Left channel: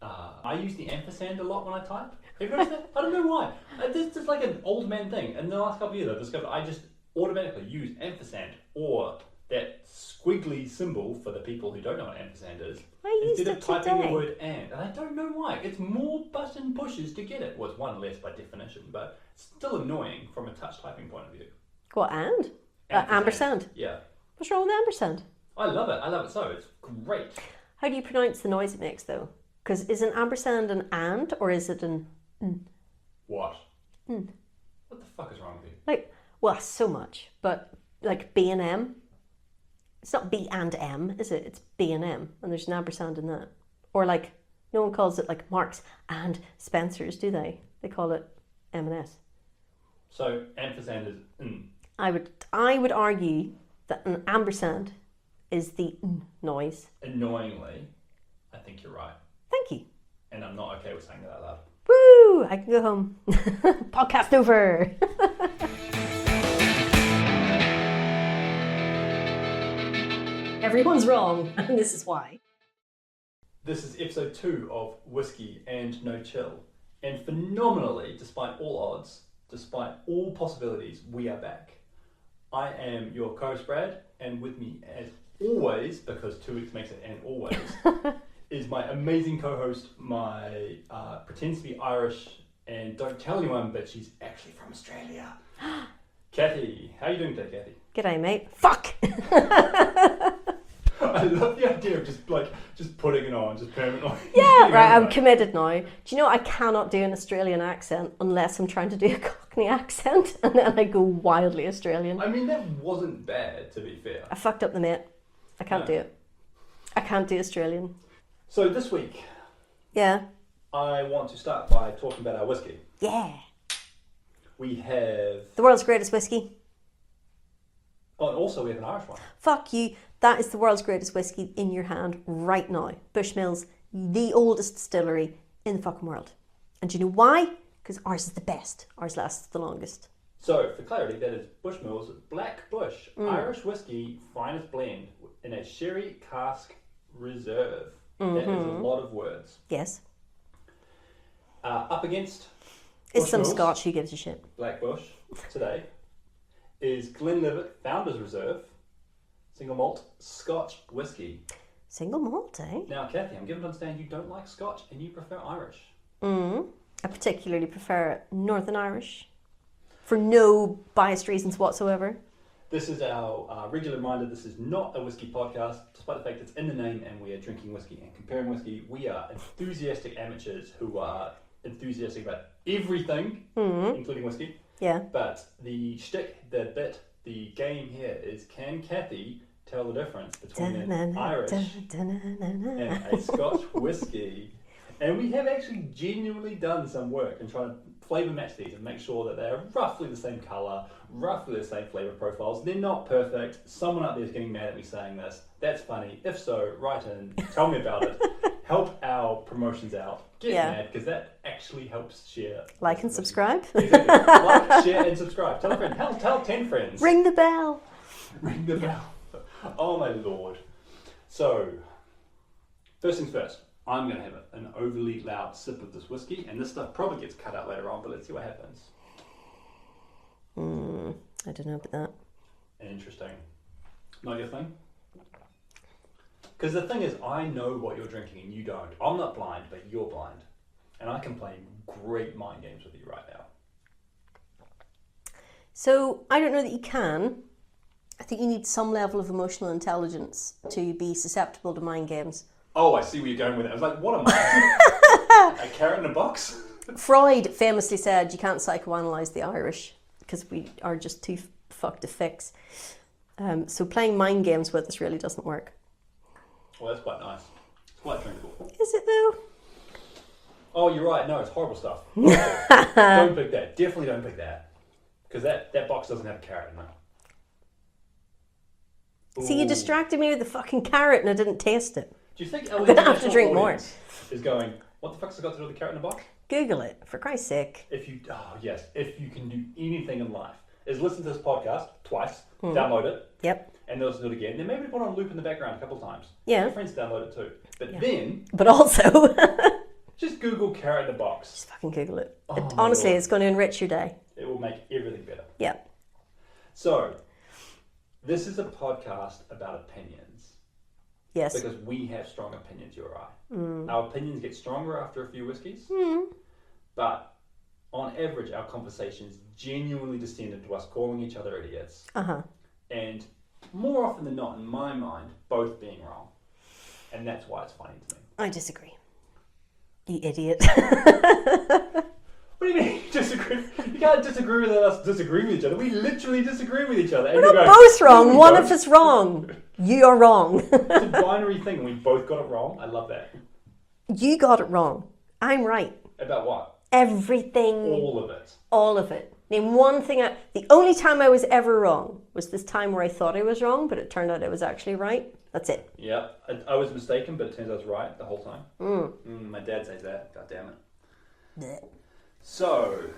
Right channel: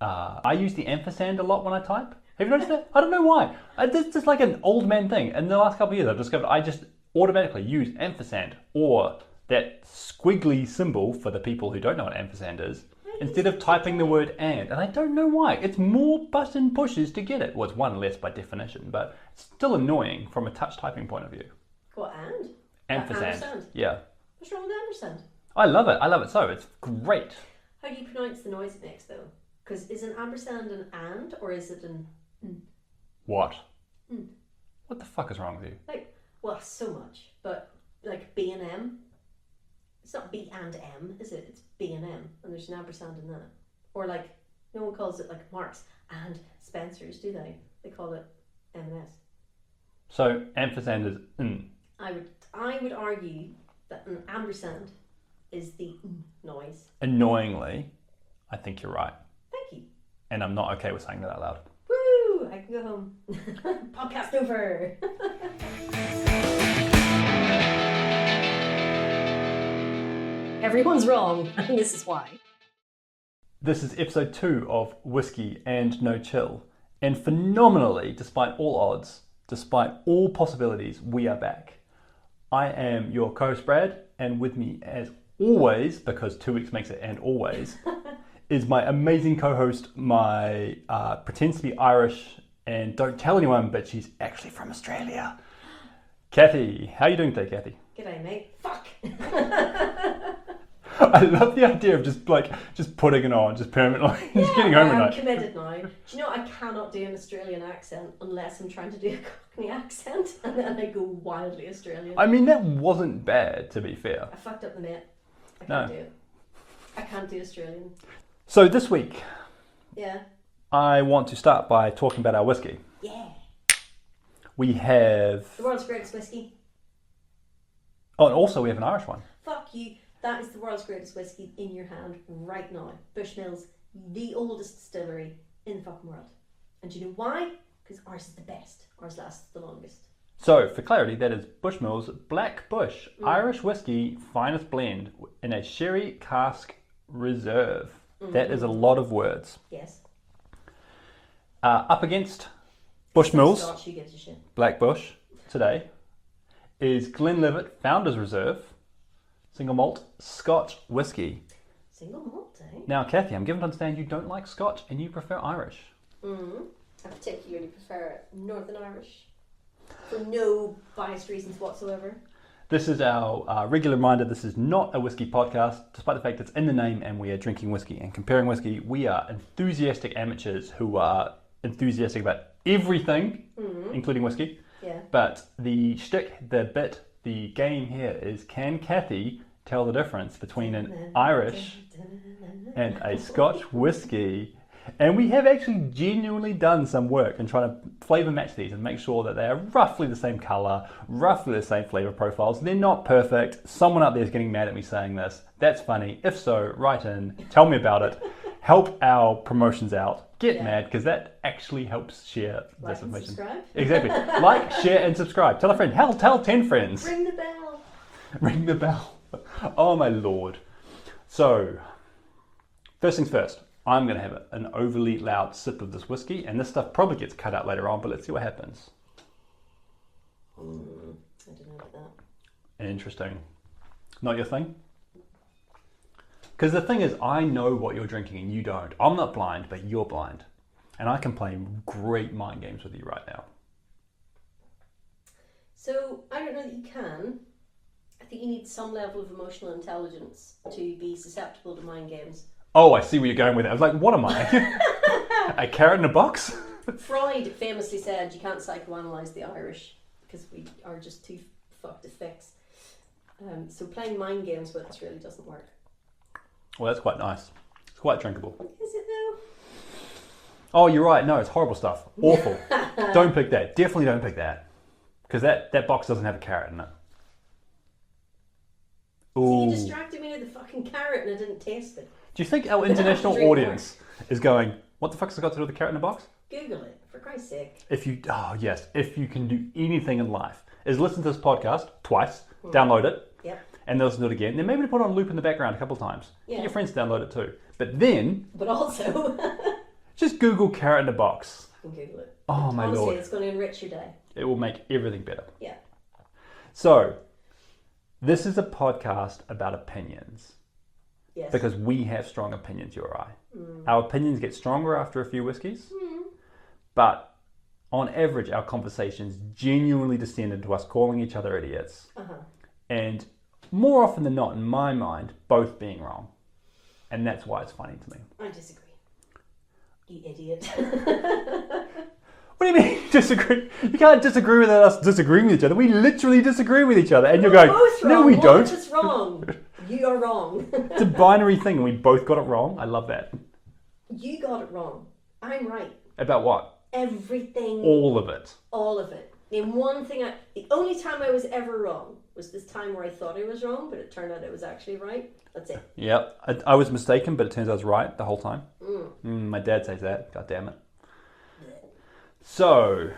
I use the ampersand a lot when I type. Have you noticed that? I don't know why. It's just like an old man thing. In the last couple of years, I've discovered I just automatically use ampersand or that squiggly symbol for the people who don't know what ampersand is instead of typing the word and I don't know why. It's more button pushes to get it. Well, it's one less by definition, but it's still annoying from a touch typing point of view. What, and? Ampersand. Yeah. What's wrong with ampersand? I love it so. It's great. How do you pronounce the noise it makes though? Because is an ampersand an and or is it an n? What? What the fuck is wrong with you? Like, well, so much, but like B and M. It's not B and M, is it? It's B and M, and there's an ampersand in that. Or like, no one calls it like Marks and Spencer's, do they? They call it M&S. So ampersand is n. I would argue that an ampersand is the n noise. Annoyingly, I think you're right. Thank you. And I'm not okay with saying that out loud. Woo! I can go home. Podcast over. Everyone's wrong, and this is why. This is episode 2 of Whiskey and No Chill. And phenomenally, despite all odds, despite all possibilities, we are back. I am your co-host Brad, and with me as always, because 2 weeks makes it and always, is my amazing co-host, my pretends to be Irish, and don't tell anyone, but she's actually from Australia. Cathy, how are you doing today, Cathy? G'day, mate. Fuck! I love the idea of just putting it on, just permanently. Yeah, just right, I'm committed now. Do you know I cannot do an Australian accent unless I'm trying to do a Cockney accent, and then I go wildly Australian. I mean, that wasn't bad, to be fair. I fucked up the mate. I can't do it. I can't do Australian. So this week, yeah, I want to start by talking about our whiskey. Yeah. We have... the world's greatest whiskey. Oh, and also we have an Irish one. Fuck you. That is the world's greatest whiskey in your hand right now. Bushmills, the oldest distillery in the fucking world. And do you know why? Because ours is the best. Ours lasts the longest. So, for clarity, that is Bushmills Black Bush, Irish whiskey, finest blend, in a sherry cask reserve. That is a lot of words. Yes. Up against It's some Bushmills Scotch, who gives a shit? Black Bush today is Glenlivet Founders Reserve, single malt Scotch whiskey. Single malt, eh? Now, Cathy, I'm given to understand you don't like Scotch and you prefer Irish. I particularly prefer Northern Irish for no biased reasons whatsoever. This is our regular reminder, this is not a whiskey podcast, despite the fact it's in the name and we are drinking whiskey and comparing whiskey. We are enthusiastic amateurs who are enthusiastic about everything, including whiskey. Yeah. But the shtick, the bit, the game here is, can Cathy tell the difference between an Irish and a Scotch whiskey? And we have actually genuinely done some work in trying to flavour match these and make sure that they are roughly the same colour, roughly the same flavour profiles. They're not perfect. Someone out there is getting mad at me saying this. That's funny. If so, write in, tell me about it, help our promotions out. Get mad, because that actually helps share. Like and subscribe. Exactly. Like, share and subscribe. Tell a friend. Hell, tell 10 friends. Ring the bell. Ring the bell. Oh my lord. So, first things first. I'm going to have an overly loud sip of this whiskey, and this stuff probably gets cut out later on, but let's see what happens. I don't know about that. Interesting. Not your thing? Because the thing is, I know what you're drinking and you don't. I'm not blind, but you're blind. And I can play great mind games with you right now. So, I don't know that you can. I think you need some level of emotional intelligence to be susceptible to mind games. Oh, I see where you're going with it. I was like, what am I? A carrot in a box? Freud famously said you can't psychoanalyze the Irish because we are just too fucked to fix. So playing mind games with us really doesn't work. Well, that's quite nice. It's quite drinkable. Is it though? Oh, you're right. No, it's horrible stuff. Awful. Don't pick that. Definitely don't pick that. Because that box doesn't have a carrot in it. Ooh. See, you distracted me with the fucking carrot and I didn't taste it. Do you think our I'm gonna have to international drink audience is going, what the fuck's it got to do with the carrot in the box? Google it, for Christ's sake. If you can do anything in life, is listen to this podcast twice, download it, Yep. and then listen to it again. Then maybe put it on loop in the background a couple of times. Yeah. Get your friends to download it too. But then... But also... just Google carrot in a box? Just fucking Google it. Oh, honestly, it's going to enrich your day. It will make everything better. Yeah. So, this is a podcast about opinions. Yes. Because we have strong opinions, you or I. Our opinions get stronger after a few whiskeys. But on average, our conversations genuinely descend into us calling each other idiots. And more often than not, in my mind, both being wrong. And that's why it's funny to me. I disagree. You idiot. What do you mean disagree? You can't disagree without us disagreeing with each other. We literally disagree with each other. And We're you're not going, both wrong. No, we One don't. of us wrong. You are wrong. It's a binary thing and we both got it wrong. I love that. You got it wrong. I'm right. About what? Everything. All of it. All of it. Name one thing. The only time I was ever wrong was this time where I thought I was wrong, but it turned out I was actually right. That's it. Yep. I was mistaken, but it turns out I was right the whole time. My dad says that. God damn it. Blech. So,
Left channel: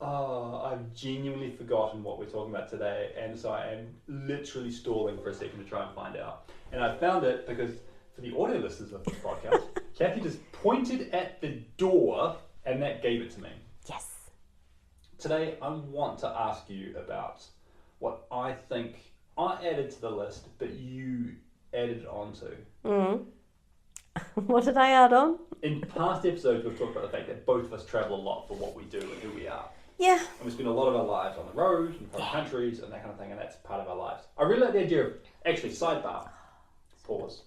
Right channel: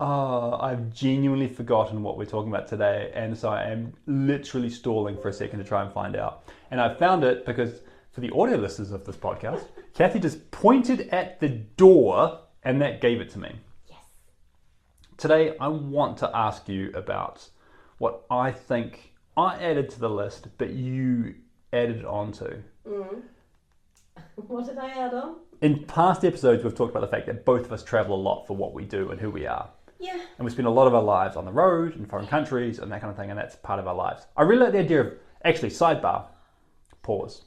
I've genuinely forgotten what we're talking about today, and so I am literally stalling for a second to try and find out. And I found it because for the audio listeners of this podcast, Cathy just pointed at the door and that gave it to me. Yes. Today, I want to ask you about what I think I added to the list, but you added onto. What did I add on? In past episodes, we've talked about the fact that both of us travel a lot for what we do and who we are. Yeah. And we spend a lot of our lives on the road, in foreign countries, and that kind of thing, and that's part of our lives. I really like the idea of, actually, sidebar, pause.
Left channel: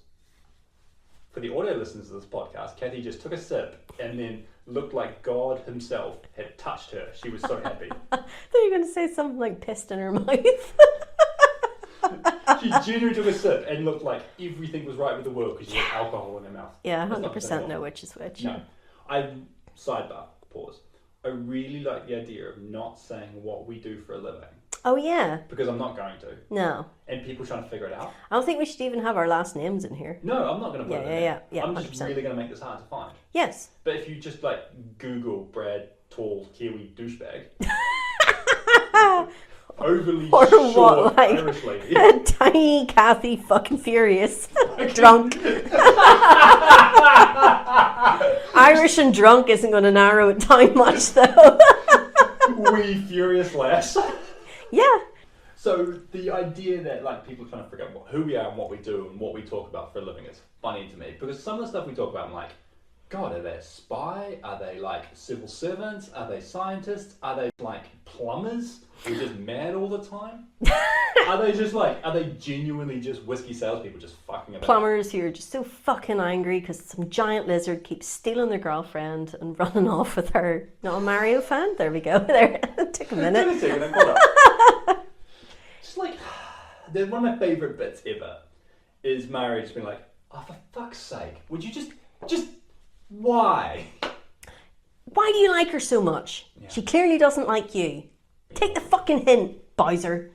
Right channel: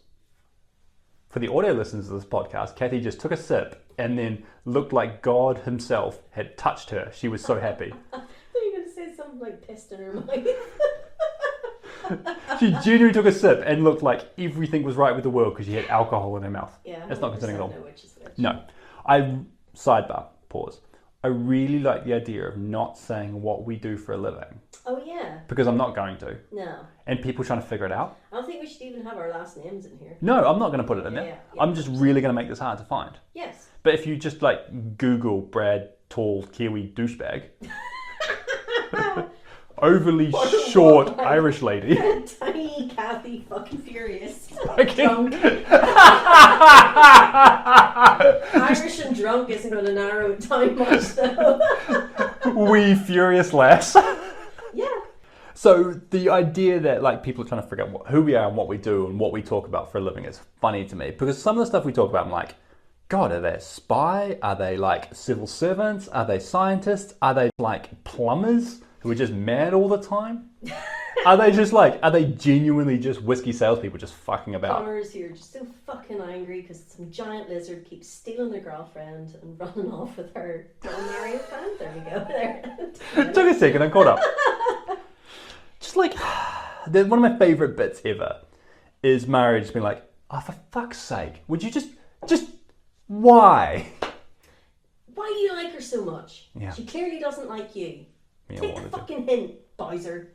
For the audio listeners of this podcast, Cathy just took a sip and then looked like God himself had touched her. She was so happy. I thought you were going to say something like pissed in her mouth. She genuinely took a sip and looked like everything was right with the world because she had alcohol in her mouth. Yeah, That's not 100% know which is which. No. Sidebar, pause. I really like the idea of not saying what we do for a living. Oh, yeah. Because I'm not going to. No. And people trying to figure it out. I don't think we should even have our last names in here. No, I'm not going to put it in there. Yeah, I'm just 100%. really going to make this hard to find. Yes. But if you just like Google Brad Tall Kiwi douchebag, overly Or short what, like- Irish lady, Tiny Cathy fucking furious. Drunk. Irish and drunk isn't going to narrow it down much though. wee furious lass. Yeah. So the idea that like people are trying to figure out who we are and what we do and what we talk about for a living is funny to me because some of the stuff we talk about, I'm like, God, are they a spy? Are they like civil servants? Are they scientists? Are they like plumbers who are just mad all the time? Are they genuinely just whiskey salespeople just fucking about? Plumbers who are just so fucking angry because some giant lizard keeps stealing their girlfriend and running off with her. Not a Mario fan? There we go. There. Took a minute. Took a second, I caught up. Just like, one of my favourite bits ever is Mary just being like, oh, for fuck's sake, would you just, why? Why do you like her so much? Yeah. She clearly doesn't like you. Yeah, Take the well, fucking hint, Bowser.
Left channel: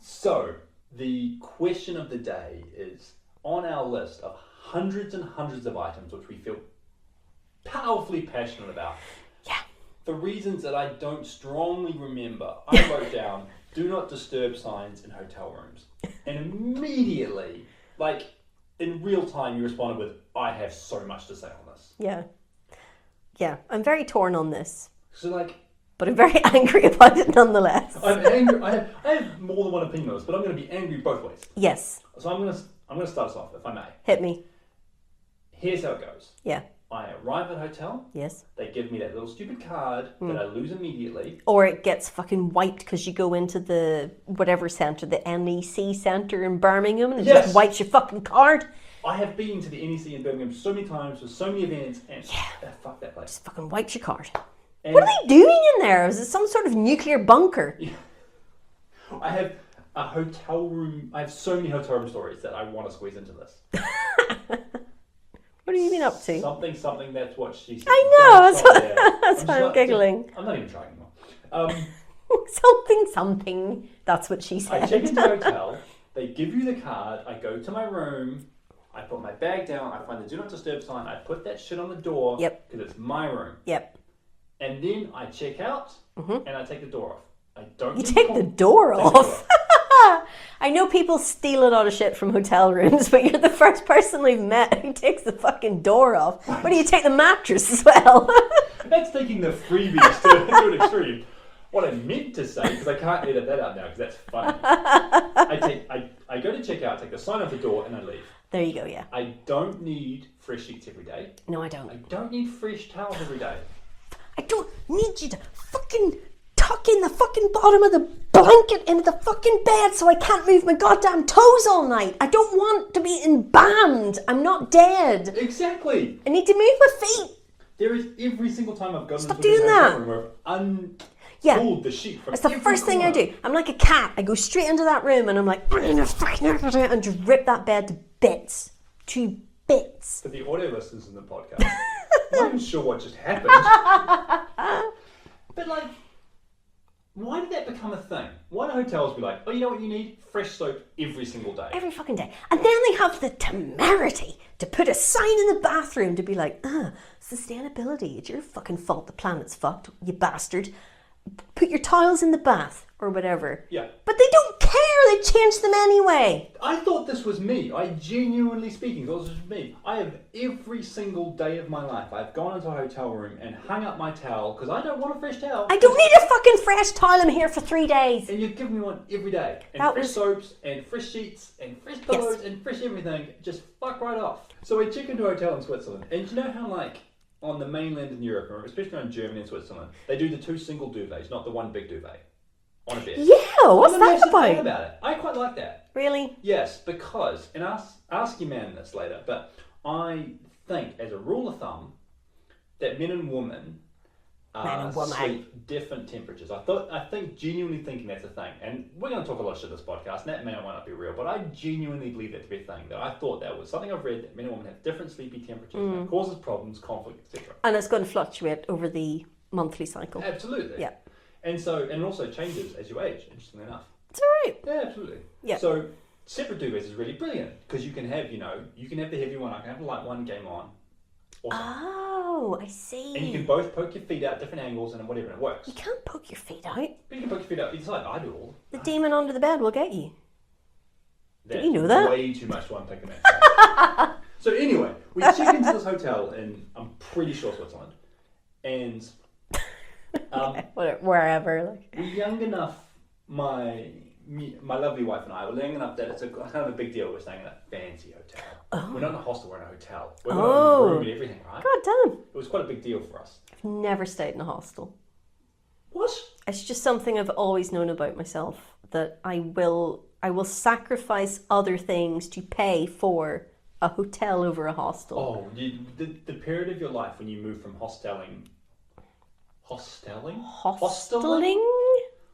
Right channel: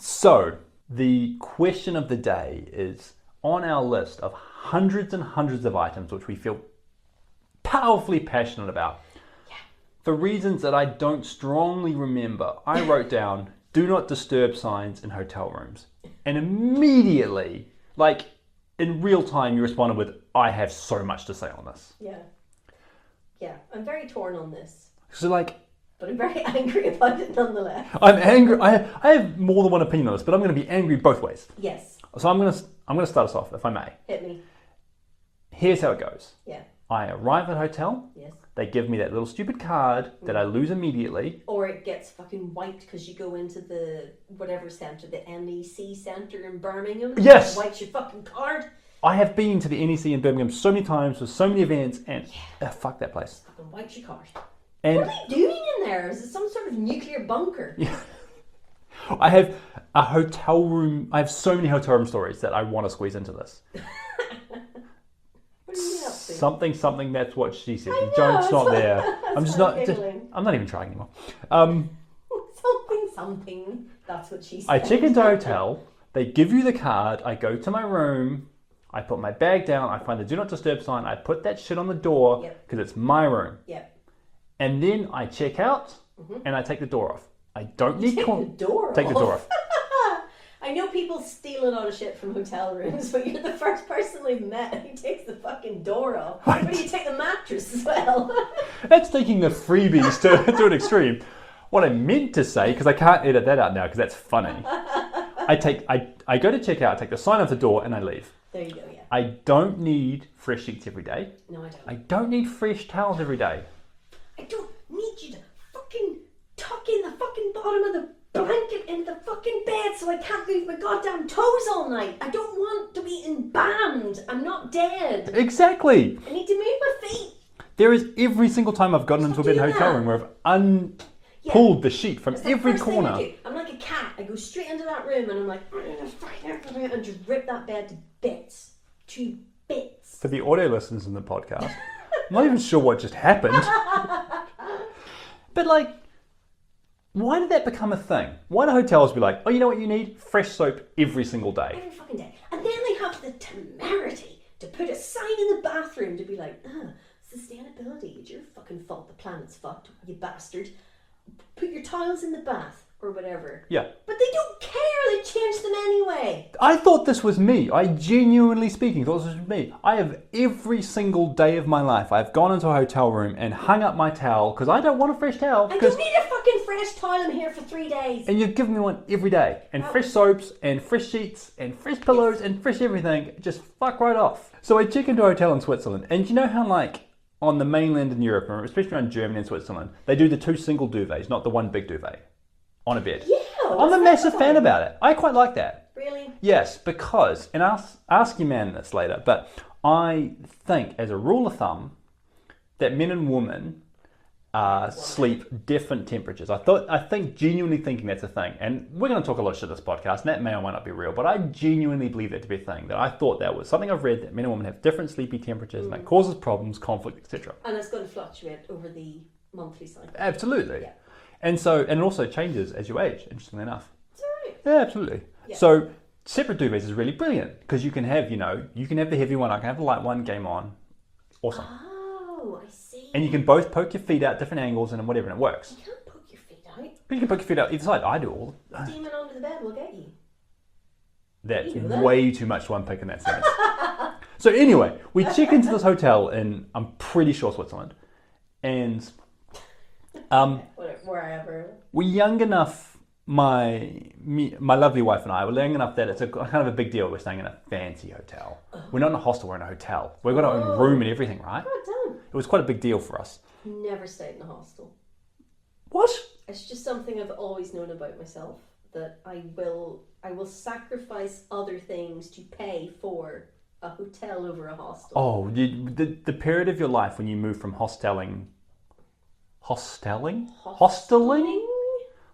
So, the question of the day is on our list of hundreds and hundreds of items which we feel powerfully passionate about. Yeah. For reasons that I don't strongly remember, I wrote down do not disturb signs in hotel rooms. And immediately, like in real time, you responded with, I have so much to say on this. Yeah. Yeah, I'm very torn on this. So like, But I'm very angry about it nonetheless. I'm angry. I have more than one opinion on this, but I'm going to be angry both ways. Yes. So I'm going to start us off, if I may. Hit me. Here's how it goes. Yeah. I arrive at a hotel. Yes. They give me that little stupid card that I lose immediately. Or it gets fucking wiped because you go into the whatever centre, the NEC centre in Birmingham. And Yes. It wipes your fucking card. I have been to the NEC in Birmingham so many times for so many events, and fuck that place. Just fucking wipes your card. And What are they doing in there? Is it some sort of nuclear bunker? I have a hotel room. I have so many hotel room stories that I want to squeeze into this. What have you been up to? Something. That's what she said. I know. Joke's not there. That's why I'm giggling. I'm not even trying anymore. Something. That's what she said. I check into a hotel. They give you the card. I go to my room. I put my bag down. I find the do not disturb sign. I put that shit on the door. Yep. Because it's my room. Yep. And then I check out and I take the door off. I don't You need take to the door take off. the door off. I know people steal a lot of shit from hotel rooms, but you're the first person we've met who takes the fucking door off. What do you take the mattress as well? That's taking the freebies to an extreme. What I meant to say, because I can't edit that out now because that's funny. I go to check out, take the sign off the door, and I leave. There you go, yeah. I don't need fresh sheets every day. No, I don't. I don't need fresh towels every day. I don't need you to fucking tuck in the fucking bottom of the blanket into the fucking bed so I can't move my goddamn toes all night. I don't want to be in band. I'm not dead. Exactly. I need to move my feet. There is every single time I've gotten into a big hotel room where I've pulled the sheet from every corner. It's the first thing I do. I'm like a cat. I go straight into that room and I'm like, and just rip that bed to bits. To bits. For the audio listeners in the podcast, I'm not even sure what just happened. But like, why did that become a thing? Why do hotels be like, oh, you know what you need? Fresh soap every single day. Every fucking day. And then they have the temerity to put a sign in the bathroom to be like, sustainability. It's your fucking fault the planet's fucked, you bastard. Put your tiles in the bath or whatever. Yeah. But they don't care. They change them anyway. I thought this was me. I genuinely speaking thought this was me. I have every single day of my life, I've gone into a hotel room and hung up my towel because I don't want a fresh towel. I don't need a fucking fresh towel. I'm here for 3 days. And you've given me one every day. And fresh soaps and fresh sheets and fresh pillows and fresh everything. Just fuck right off. So I check into a hotel in Switzerland, and you know how like on the mainland in Europe, especially around Germany and Switzerland, they do the 2 single duvets, not the 1 big duvet on a bed. Yeah, what's I'm a massive fan about it. I quite like that. Really? Yes, because, and ask your man this later, but I think as a rule of thumb that men and women sleep different temperatures. I think genuinely thinking that's a thing, and we're going to talk a lot of shit in this podcast, and that may or might not be real, but I genuinely believe that to be a thing. That I thought that was something I've read, that men and women have different sleepy temperatures, and that causes problems, conflict, etc. And it's going to fluctuate over the monthly cycle. Absolutely. Yeah. And it also changes as you age. Interestingly enough. It's alright. Yeah, absolutely. Yeah. So separate duvets is really brilliant because you can have the heavy one, I can have the light one, game on. Awesome. Oh, I see. And you can both poke your feet out different angles and whatever, and it works. You can't poke your feet out. But you can poke your feet out either side. I do all. The demon under the bed will get you. That's you know that? Way too much to unpick in that sentence. So anyway, we check into this hotel in, I'm pretty sure, Switzerland. And wherever. we're young enough, my lovely wife and I were young enough that it's kind of a big deal. We're staying in a fancy hotel. Oh. We're not in a hostel, we're in a hotel. We've got our own room and everything, right? God damn. It was quite a big deal for us. I've never stayed in a hostel. What? It's just something I've always known about myself, that I will sacrifice other things to pay for a hotel over a hostel. Oh, the period of your life when you moved from hosteling?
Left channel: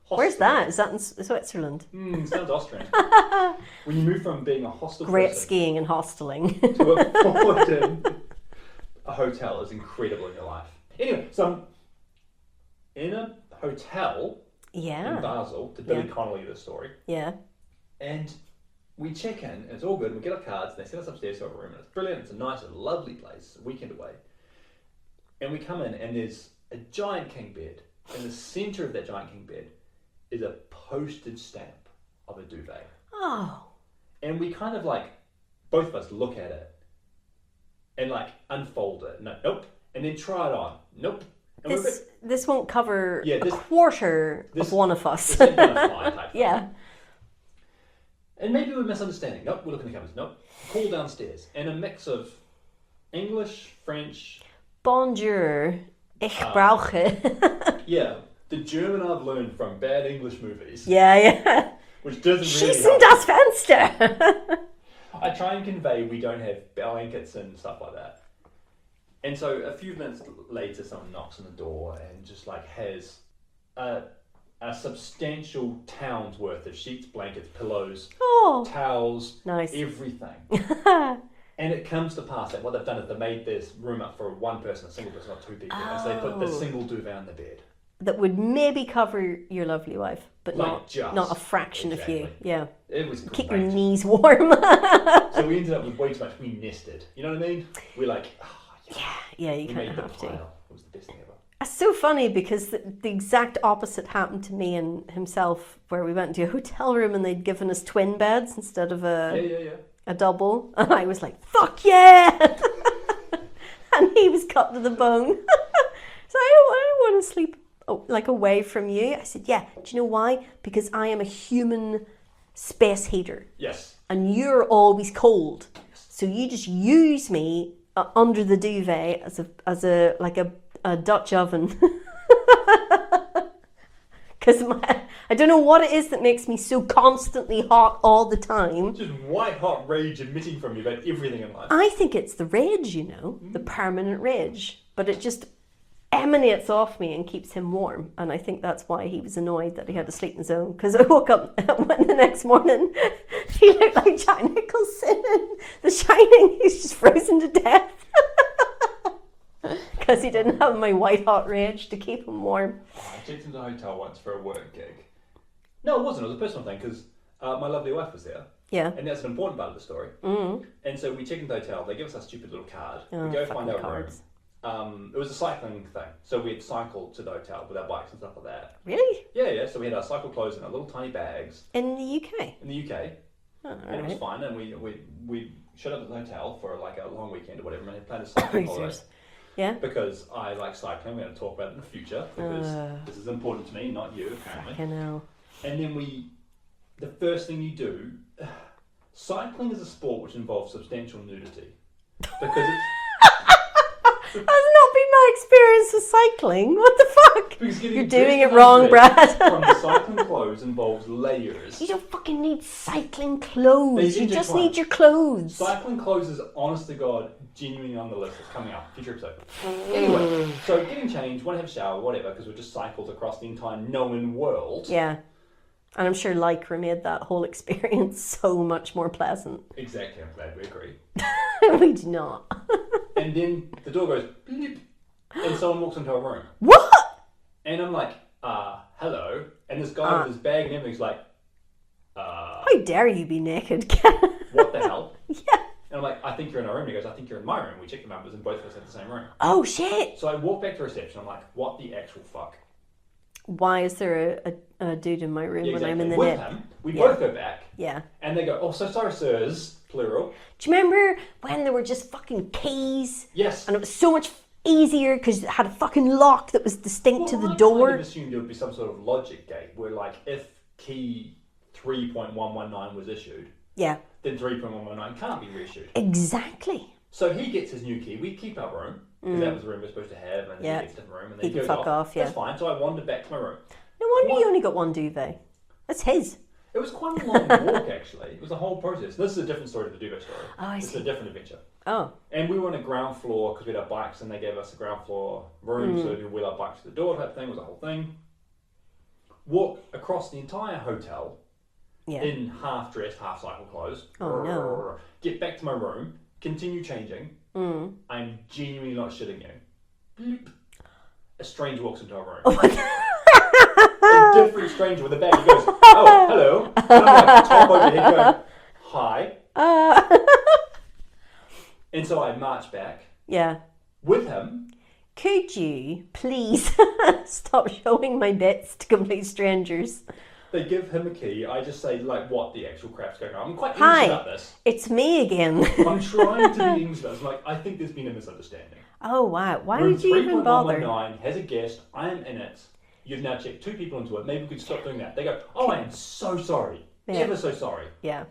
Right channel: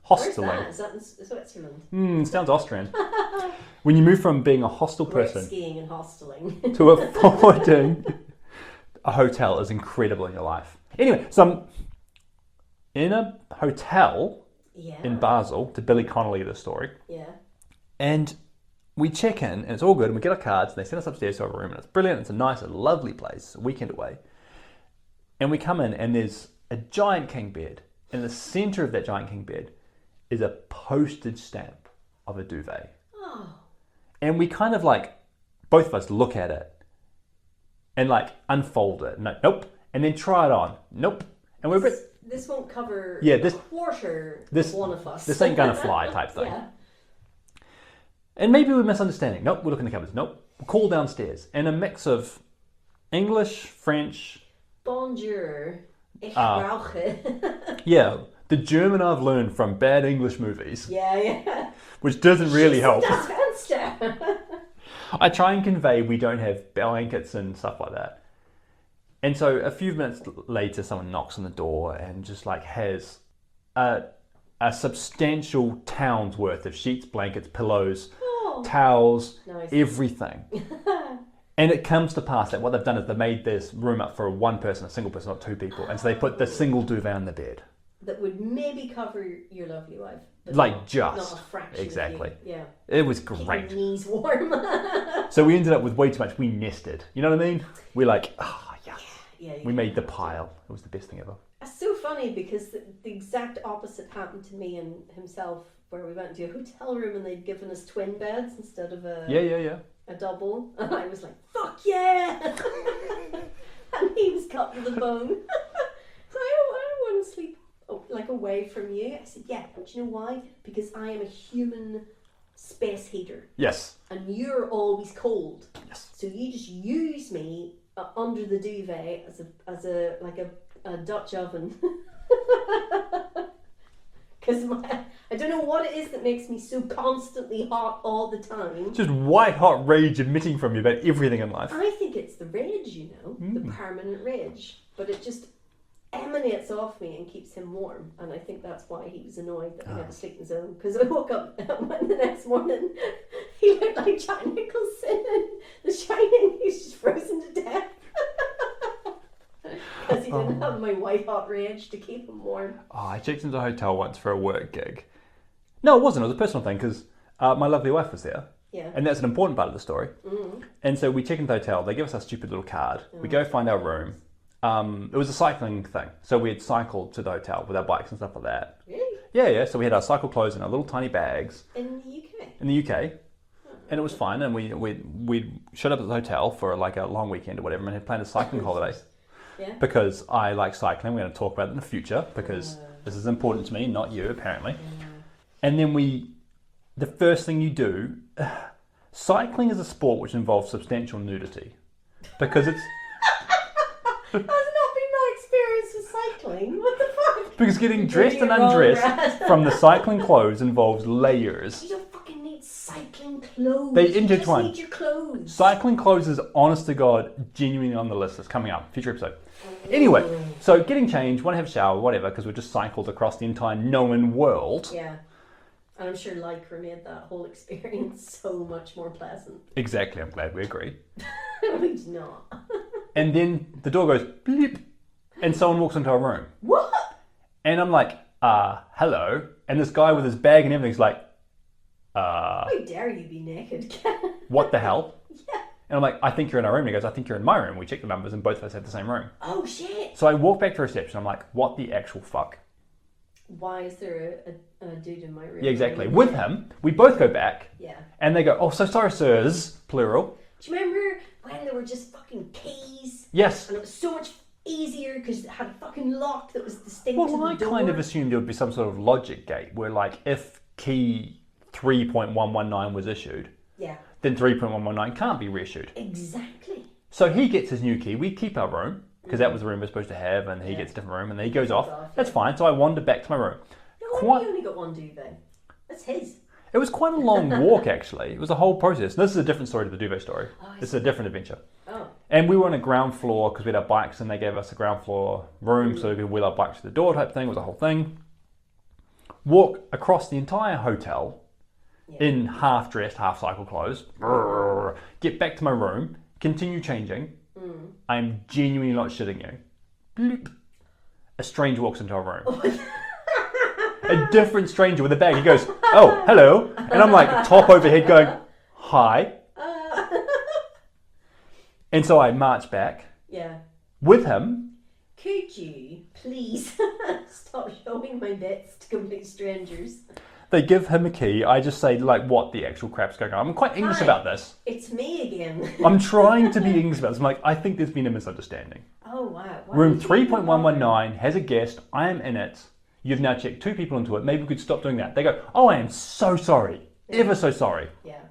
Where's that? Is that in Switzerland? Sounds Austrian. When you move from being a hostel Great person skiing and hosteling to affording a hotel is incredible in your life. Anyway, so I'm in a hotel in Basel, to Billy Connolly the story. Yeah. And we check in, and it's all good, and we get our cards, and they send us upstairs to our room, and it's brilliant, it's a nice, lovely place, a weekend away. And we come in, and there's a giant king bed. In the centre of that giant king bed is a postage stamp of a duvet. Oh. And we kind of like, both of us look at it and like unfold it. Nope. And then try it on. Nope. And this won't cover a quarter of one of us. This ain't gonna fly type thing. Yeah. And maybe we're misunderstanding. Nope, we're looking in the cupboards. Nope. Call downstairs. And a mix of English, French. Bonjour. Ich brauche. Yeah. The German I've learned from bad English movies. Yeah. Which doesn't really help. Das Fenster. I try and convey we don't have blankets and stuff like that. And so a few minutes later, someone knocks on the door and just like has a substantial town's worth of sheets, blankets, pillows, towels, everything. And it comes to pass that what they've done is they've made this room up for one person, a single person, not 2 people. And so they put the single duvet on the bed. That would maybe cover your lovely wife, but not a fraction of you. Yeah. It was great. Keep your knees warm. So we ended up with way too much. We nested. You know what I mean? We're like, yeah. We made the pile. It was the best thing ever. It's so funny because the exact opposite happened to me and himself, where we went to a hotel room and they'd given us twin beds instead of a double, and I was like, "Fuck yeah!" And he was cut to the bone. So I don't want to sleep like away from you. I said, "Yeah." Do you know why? Because I am a human space heater. Yes. And you're always cold. Yes. So you just use me under the duvet as a Dutch oven. Because I don't know what it is that makes me so constantly hot all the time. Just white hot rage emitting from you about everything in life. I think it's the rage, the permanent rage. But it just emanates off me and keeps him warm. And I think that's why he was annoyed that he had to sleep in his own. Because I woke up the next morning, he looked like Jack Nicholson in The Shining. He's just frozen to death. Because he didn't have my white hot rage to keep him warm. Oh, I checked into a hotel once for a work gig. No, it wasn't. It was a personal thing because my lovely wife was there. Yeah. And that's an important part of the story. Mm. And so we check into the hotel. They give us our stupid little card. We go find our room. It was a cycling thing. So we had cycled to the hotel with our bikes and stuff like that. Really? Yeah. So we had our cycle clothes in our little tiny bags. In the UK? In the UK. Oh, and it was fine. And we showed up at the hotel for like a long weekend or whatever and had planned a cycling holiday. Yeah. Because I like cycling. We're going to talk about it in the future because this is important to me, not you, apparently. I know. And then the first thing you do, cycling is a sport which involves substantial nudity. Because it's... That's not been my experience with cycling. What the fuck? Because getting You're dressed doing and it wrong, undressed Brad. from the cycling clothes involves layers. You don't fucking need cycling clothes. They you just intertwine. need your clothes. Cycling clothes is, honest to God, genuinely on the list. It's coming up. Future episode. Anyway, so getting changed, want to have a shower, whatever, because we just cycled across the entire known world. Yeah. And I'm sure Lycra made that whole experience so much more pleasant. Exactly. I'm glad we agree. We do not. And then the door goes bleep, and someone walks into our room. What? And I'm like, hello. And this guy with his bag and everything's like, How dare you be naked? What the hell? Yeah. And I'm like, I think you're in our room. And he goes, I think you're in my room. We checked the numbers and both of us had the same room. Oh, shit. So I walk back to reception. I'm like, what the actual fuck? Why is there a dude in my room? Yeah, exactly. When I'm in the With him, we both go back. Yeah. And they go, oh, so sorry, sirs, plural. Do you remember when there were just fucking keys? Yes. And it was so much easier because it had a fucking lock that was distinct to the door. I kind of assumed there would be some sort of logic gate where, like, if key 3.119 was issued, then 3.119 can't be reissued. Exactly. So he gets his new key. We keep our room because that was the room we're supposed to have, and he gets a different room, and then he goes off. That's fine. So I wandered back to my room. No wonder you only got one duvet. That's his. It was quite a long walk, actually. It was a whole process. This is a different story to the duvet story. This is a different adventure. Oh. And we were on a ground floor because we had our bikes, and they gave us a ground floor room so we could wheel our bikes to the door type thing. It was a whole thing. Walk across the entire hotel in half dressed, half cycle clothes. No. Get back to my room. Continue changing. I'm genuinely not shitting you. Bloop. A stranger walks into our room. Oh my God. A different stranger with a bag. He goes, oh, hello. And I'm like, top over head going, hi. And so I march back. Yeah. With him. Could you please stop showing my bits to complete strangers? They give him a key. I just say, like, what the actual crap's going on? I'm quite English about this. It's me again. I'm trying to be English about this. I'm like, I think there's been a misunderstanding. Oh, wow. Why Room did you even bother? 3.119 has a guest. I am in it. You've now checked 2 people into it. Maybe we could stop doing that. They go, oh, I am so sorry. Ever so sorry. Yeah.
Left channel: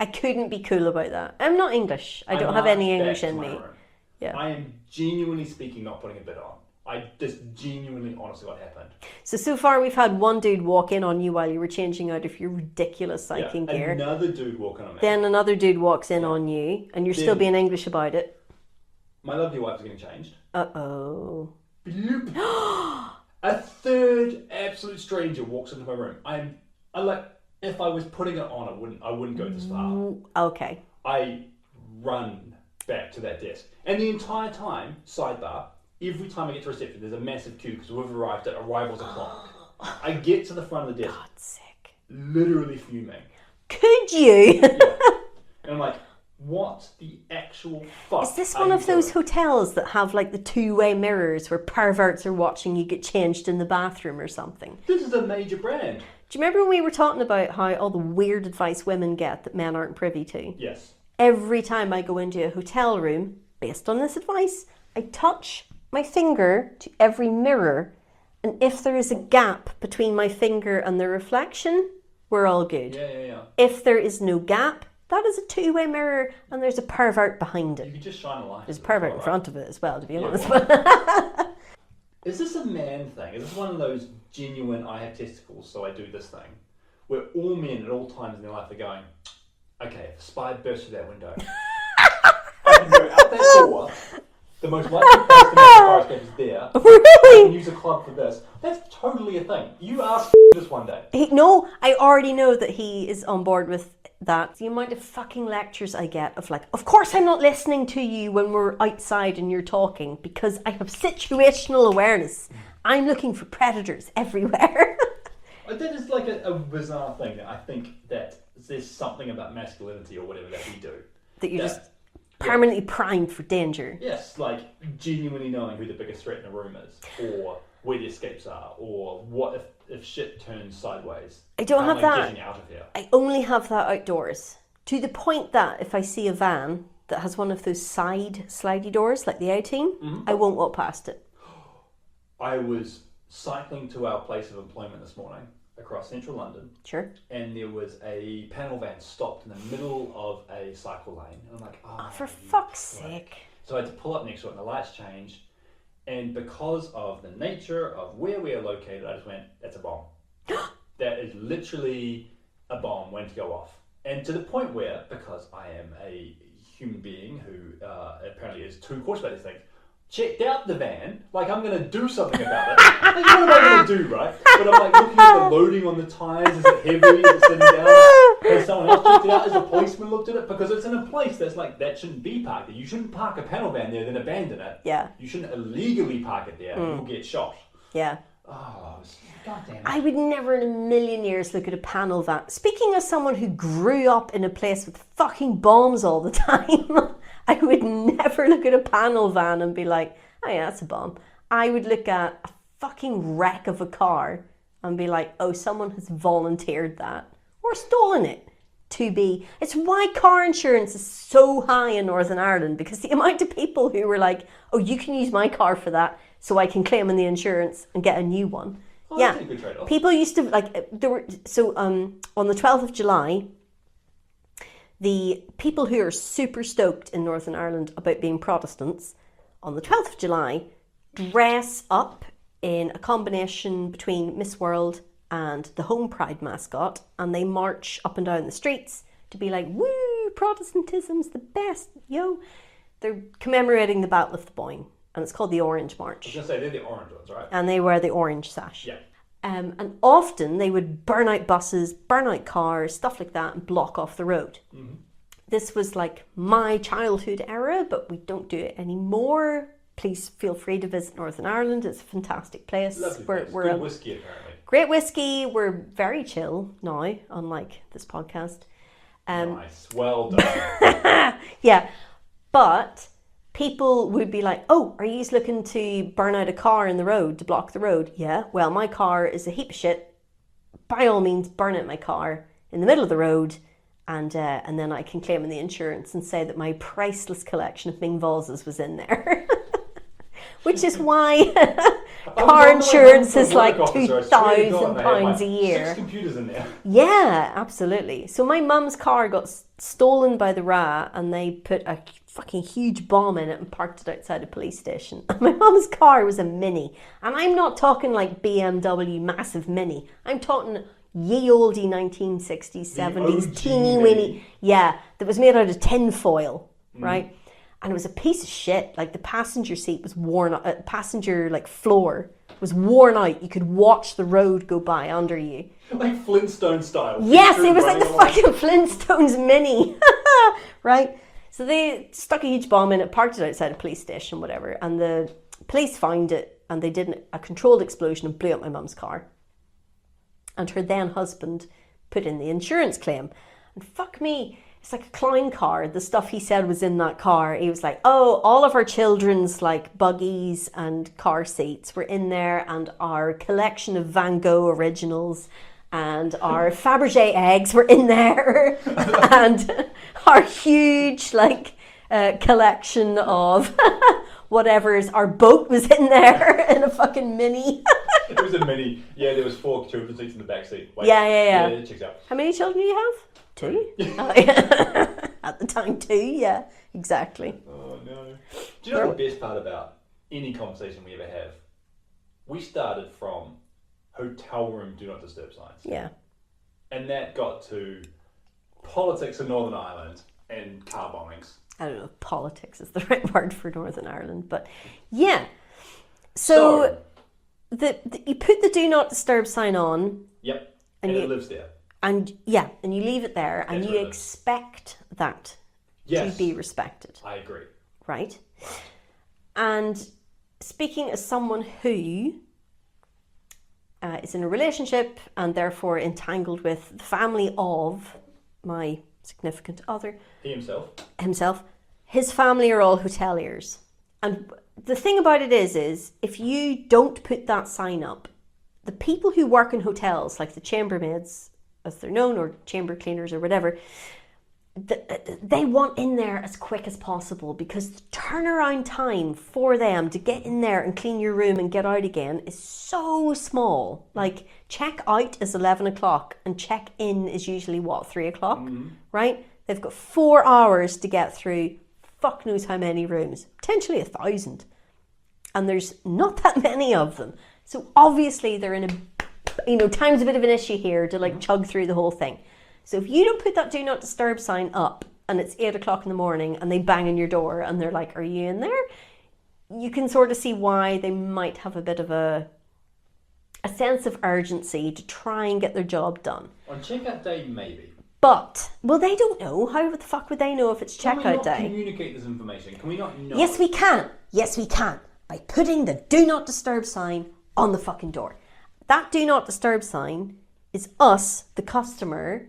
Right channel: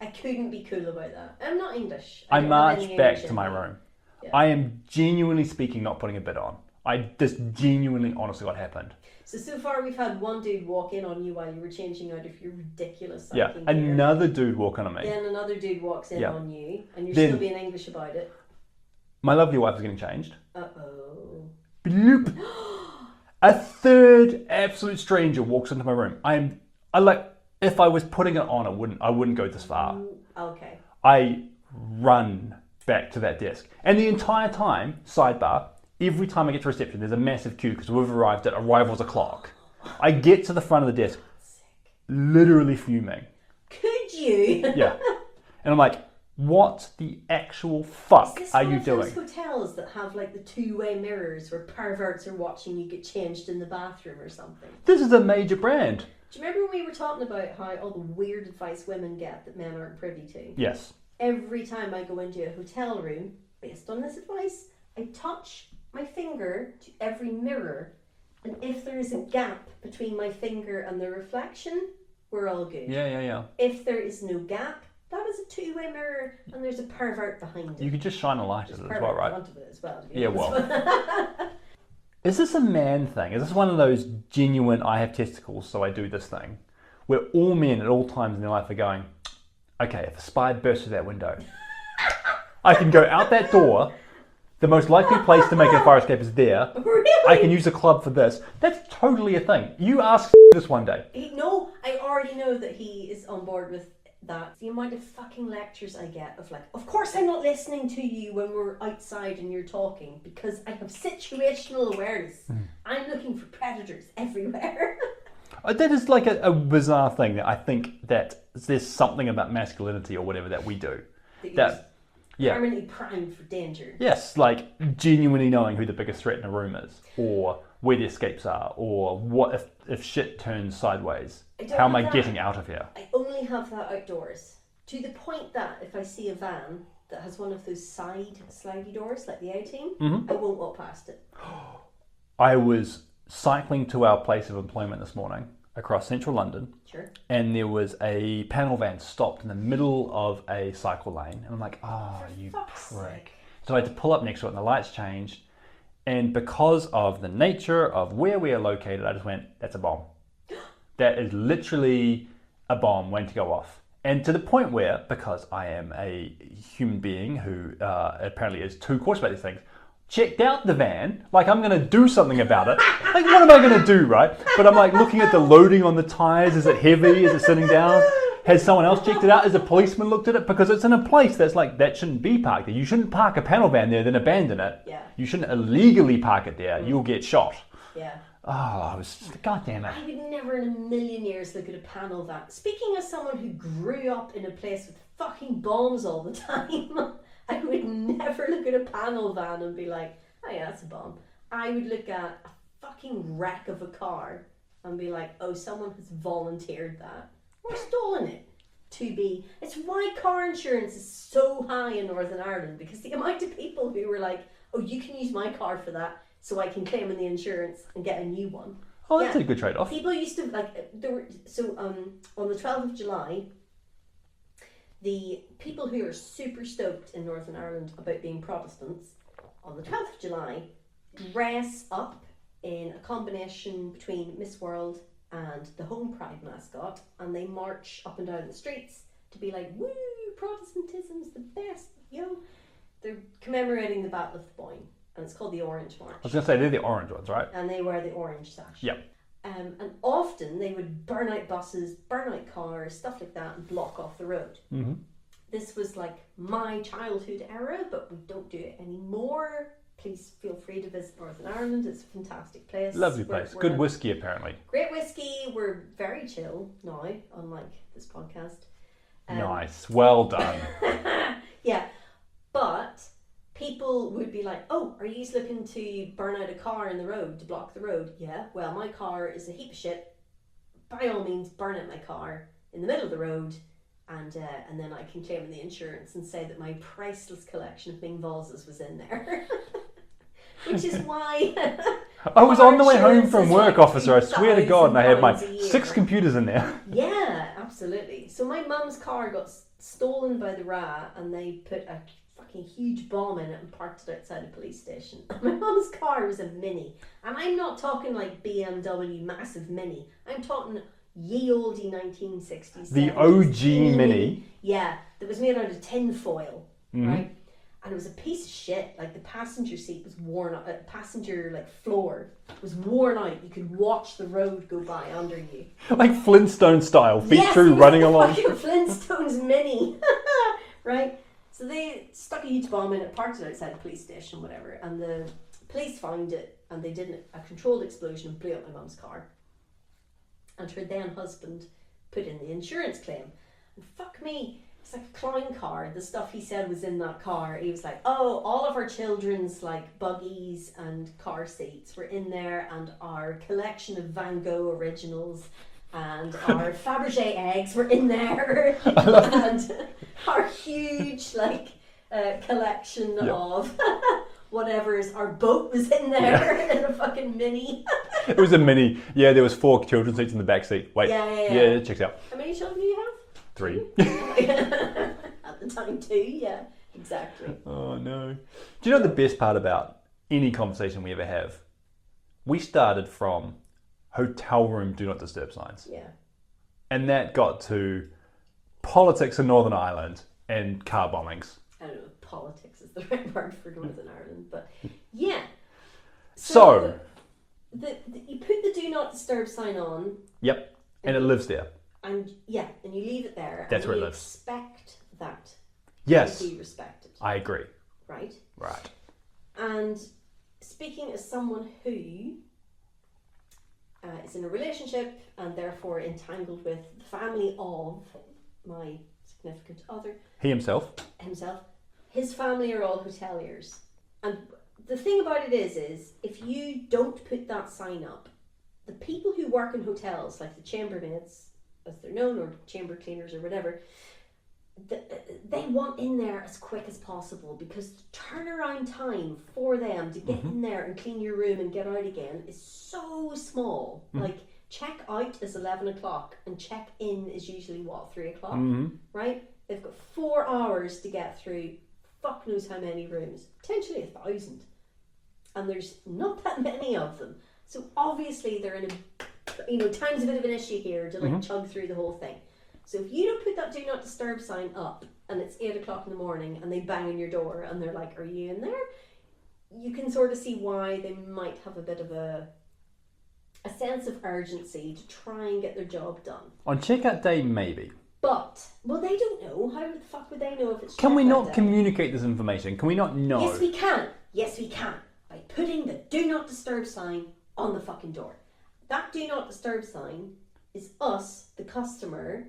I couldn't be cool about that. I'm not English. I don't have any English in me. back to my room. Yeah. I am genuinely speaking, not putting a bit on. This genuinely, honestly, what happened. So far we've had one dude walk in on you while you were changing out of your ridiculous cycling gear. Another dude walk in on me. Then another dude walks in on you, and you're still being English about it. My lovely wife is getting changed. Uh-oh. Bloop. A third absolute stranger walks into my room. If I was putting it on, I wouldn't go this far. Okay. I run back to that desk. And the entire time, sidebar, every time I get to reception, there's a massive queue because we've arrived at arrivals o'clock. I get to the front of the desk, God's sake. literally fuming. Could you? Yeah. And I'm like, What the actual fuck Is this are one you of those doing? hotels that have like the two-way mirrors where perverts are watching you get changed in the bathroom or something? This is a major brand. Do you remember when we were talking about how all the weird advice women get that men aren't privy to? Yes. Every time I go into a hotel room, based on this advice, I touch my finger to every mirror, and if there is a gap between my finger and the reflection, we're all good. Yeah. If there is no gap, that is a two-way mirror, and there's a pervert behind it. You could just shine a light. There's a at it pervert as well, right? in front of it as well, to be honest. Well. Is this a man thing? Is this one of those genuine, I have testicles, so I do this thing? Where all men at all times in their life are going, okay, if a spy bursts through that window, I can go out that door. The most likely place to make a fire escape is there. Really? I can use a club for this. That's totally a thing. You ask this one day. No, I already know that he is on board with that. The amount of fucking lectures I get of like, of course I'm not listening to you when we're outside and you're talking because I have situational awareness. I'm looking for predators everywhere. That is like a bizarre thing that I think that there's something about masculinity or whatever that we do. That you're just permanently primed for danger. Yes, like genuinely knowing who the biggest threat in a room is, or where the escapes are, or what if shit turns sideways. How am I getting out of here? I only have that outdoors. To the point that if I see a van that has one of those side slidey doors, like the A-Team, I won't walk past it. I was cycling to our place of employment this morning across central London. Sure. And there was a panel van stopped in the middle of a cycle lane. And I'm like, for fuck's sake. So I had to pull up next to it and the lights changed. And because of the nature of where we are located, I just went, that's a bomb. That is literally a bomb waiting to go off. And to the point where, because I am a human being who apparently is too cautious about these things, checked out the van, like I'm going to do something about it. Like, what am I going to do, right? But I'm like looking at the loading on the tyres. Is it heavy? Is it sitting down? Has someone else checked it out? Has a policeman looked at it? Because it's in a place that's like, that shouldn't be parked there. You shouldn't park a panel van there, then abandon it. Yeah. You shouldn't illegally park it there. You'll get shot. Yeah. Oh, I was, God damn it. I would never in a million years look at a panel van. Speaking as someone who grew up in a place with fucking bombs all the time, I would never look at a panel van and be like, oh yeah, that's a bomb. I would look at a fucking wreck of a car and be like, oh, someone has volunteered that or stolen it. It's why car insurance is so high in Northern Ireland, because the amount of people who were like, oh, you can use my car for that so I can claim on the insurance and get a new one. Oh, that's a good trade-off. People used to, like, on the 12th of July, the people who are super stoked in Northern Ireland about being Protestants, on the 12th of July, dress up in a combination between Miss World and the Home Pride mascot, and they march up and down the streets to be like, woo, Protestantism's the best, yo. They're commemorating the Battle of the Boyne, and it's called the Orange March. I was going to say, they're the orange ones, right? And they wear the orange sash. Yeah. And often they would burn out buses, burn out cars, stuff like that, and block off the road. Mm-hmm. This was like my childhood era, but we don't do it anymore. Please feel free to visit Northern Ireland. It's a fantastic place. Lovely place. Good whiskey, apparently. Great whiskey. We're very chill now, unlike this podcast. Nice. Well done. Yeah. But people would be like, oh, are you looking to burn out a car in the road, to block the road? Yeah. Well, my car is a heap of shit. By all means, burn out my car in the middle of the road. And then I can claim in the insurance and say that my priceless collection of Ming vases was in there. Which is why car insurance is like officer, I swear to God, and I had my £2,000 6 computers in there. Yeah, absolutely. So my mum's car got stolen by the RA, and they put a fucking huge bomb in it and parked it outside a police station. My mum's car was a Mini, and I'm not talking like BMW massive Mini. I'm talking ye olde 1960s, 70s, OG teeny Mini. Yeah, that was made out of tin foil, right? And it was a piece of shit. Like the passenger seat was worn out, passenger like floor was worn out. You could watch the road go by under you. Like Flintstone style. Yes, it was running like the fucking Flintstones Mini. Right? So they stuck a huge bomb in it, parked it outside a police station, whatever. And the police found it, and they did a controlled explosion and blew up my mum's car. And her then husband put in the insurance claim. And fuck me, it's like a clown car. The stuff he said was in that car. He was like, oh, all of our children's like buggies and car seats were in there, and our collection of Van Gogh originals and our Fabergé eggs were in there, and our huge like collection of whatever's, our boat was in there in a fucking mini. It was a mini. Yeah, there was 4 children's seats in the back seat. Wait. Yeah. Yeah, it checks out. How many children do you have? 3. At the time, 2. Yeah, exactly. Oh no. Do you know the best part about any conversation we ever have? We started from hotel room do not disturb signs. Yeah. And that got to politics in Northern Ireland and car bombings. I don't know if politics is the right word for Northern Ireland, but yeah. So you put the do not disturb sign on. Yep. And it lives there. And yeah, and you leave it there, and you expect that to be respected. I agree. Right? Right. And speaking as someone who is in a relationship and therefore entangled with the family of my significant other. Himself. His family are all hoteliers. And the thing about it is if you don't put that sign up, the people who work in hotels, like the chambermaids, as they're known, or chamber cleaners or whatever, they want in there as quick as possible, because the turnaround time for them to get in there and clean your room and get out again is so small. Like, check out is 11 o'clock and check in is usually 3 o'clock, right? They've got 4 hours to get through fuck knows how many rooms, potentially 1,000, and there's not that many of them. So obviously they're in time's a bit of an issue here to chug through the whole thing. So if you don't put that do not disturb sign up and it's 8 o'clock in the morning and they bang on your door and they're like, are you in there? You can sort of see why they might have a bit of a sense of urgency to try and get their job done. On checkout day, maybe. But, well, they don't know. How the fuck would they know if it's checkout day? Can we not communicate this information? Can we not know? Yes, we can. Yes, we can. By putting the do not disturb sign on the fucking door. That do not disturb sign is us, the customer,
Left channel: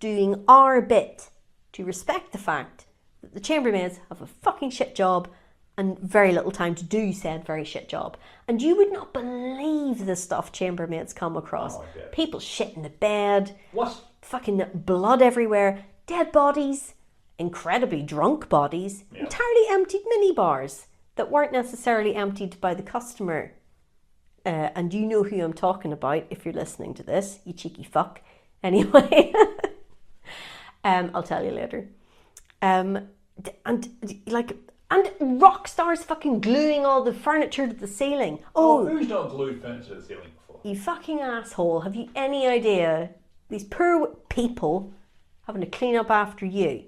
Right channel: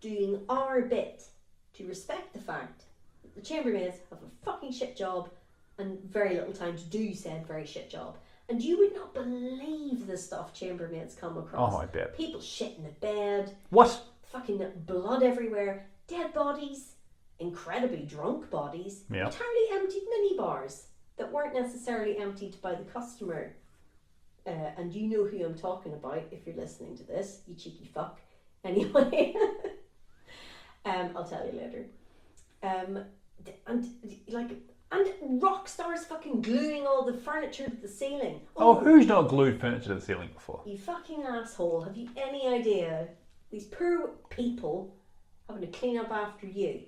doing our bit to respect the fact that the chambermaids have a fucking shit job and very little time to do said very shit job. And you would not believe the stuff chambermaids come across. Oh, I bet. People shit in the bed. What? Fucking blood everywhere. Dead bodies. Incredibly drunk bodies. Yeah. Entirely emptied minibars that weren't necessarily emptied by the customer. And you know who I'm talking about if you're listening to this, you cheeky fuck. Anyway, I'll tell you later. And rock stars fucking gluing all the furniture to the ceiling. Oh, who's not glued furniture to the ceiling before? You fucking asshole. Have you any idea? These poor people having to clean up after you.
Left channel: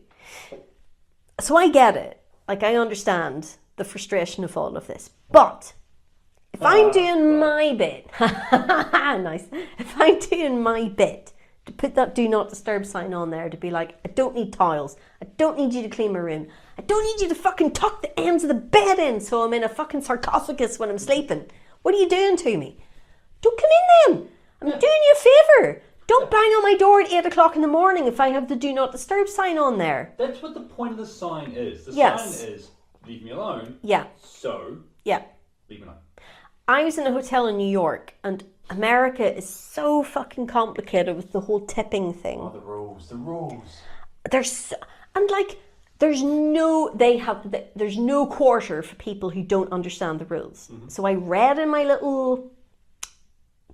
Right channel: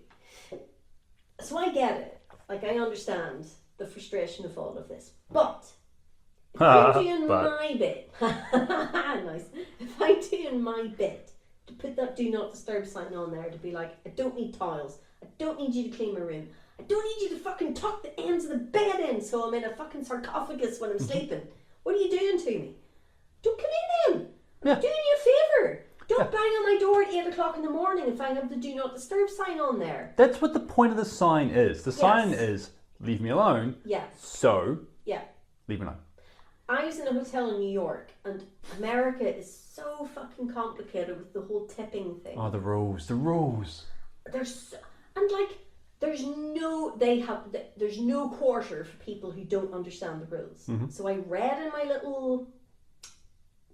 So I get it. Like, I understand the frustration of all of this. But if I'm doing my bit, nice. If I'm doing my bit to put that do not disturb sign on there, to be like, I don't need tiles. I don't need you to clean my room. I don't need you to fucking tuck the ends of the bed in so I'm in a fucking sarcophagus when I'm sleeping. What are you doing to me? Don't come in then. I'm doing you a favour. Don't bang on my door at 8 o'clock in the morning if I have the do not disturb sign on there. That's what the point of the sign is. The sign is, leave me alone. Yeah. So, yeah, leave me alone. I was in a hotel in New York, and America is so fucking complicated with the whole tipping thing. Oh, the rules. There's no quarter for people who don't understand the rules. So I read in my little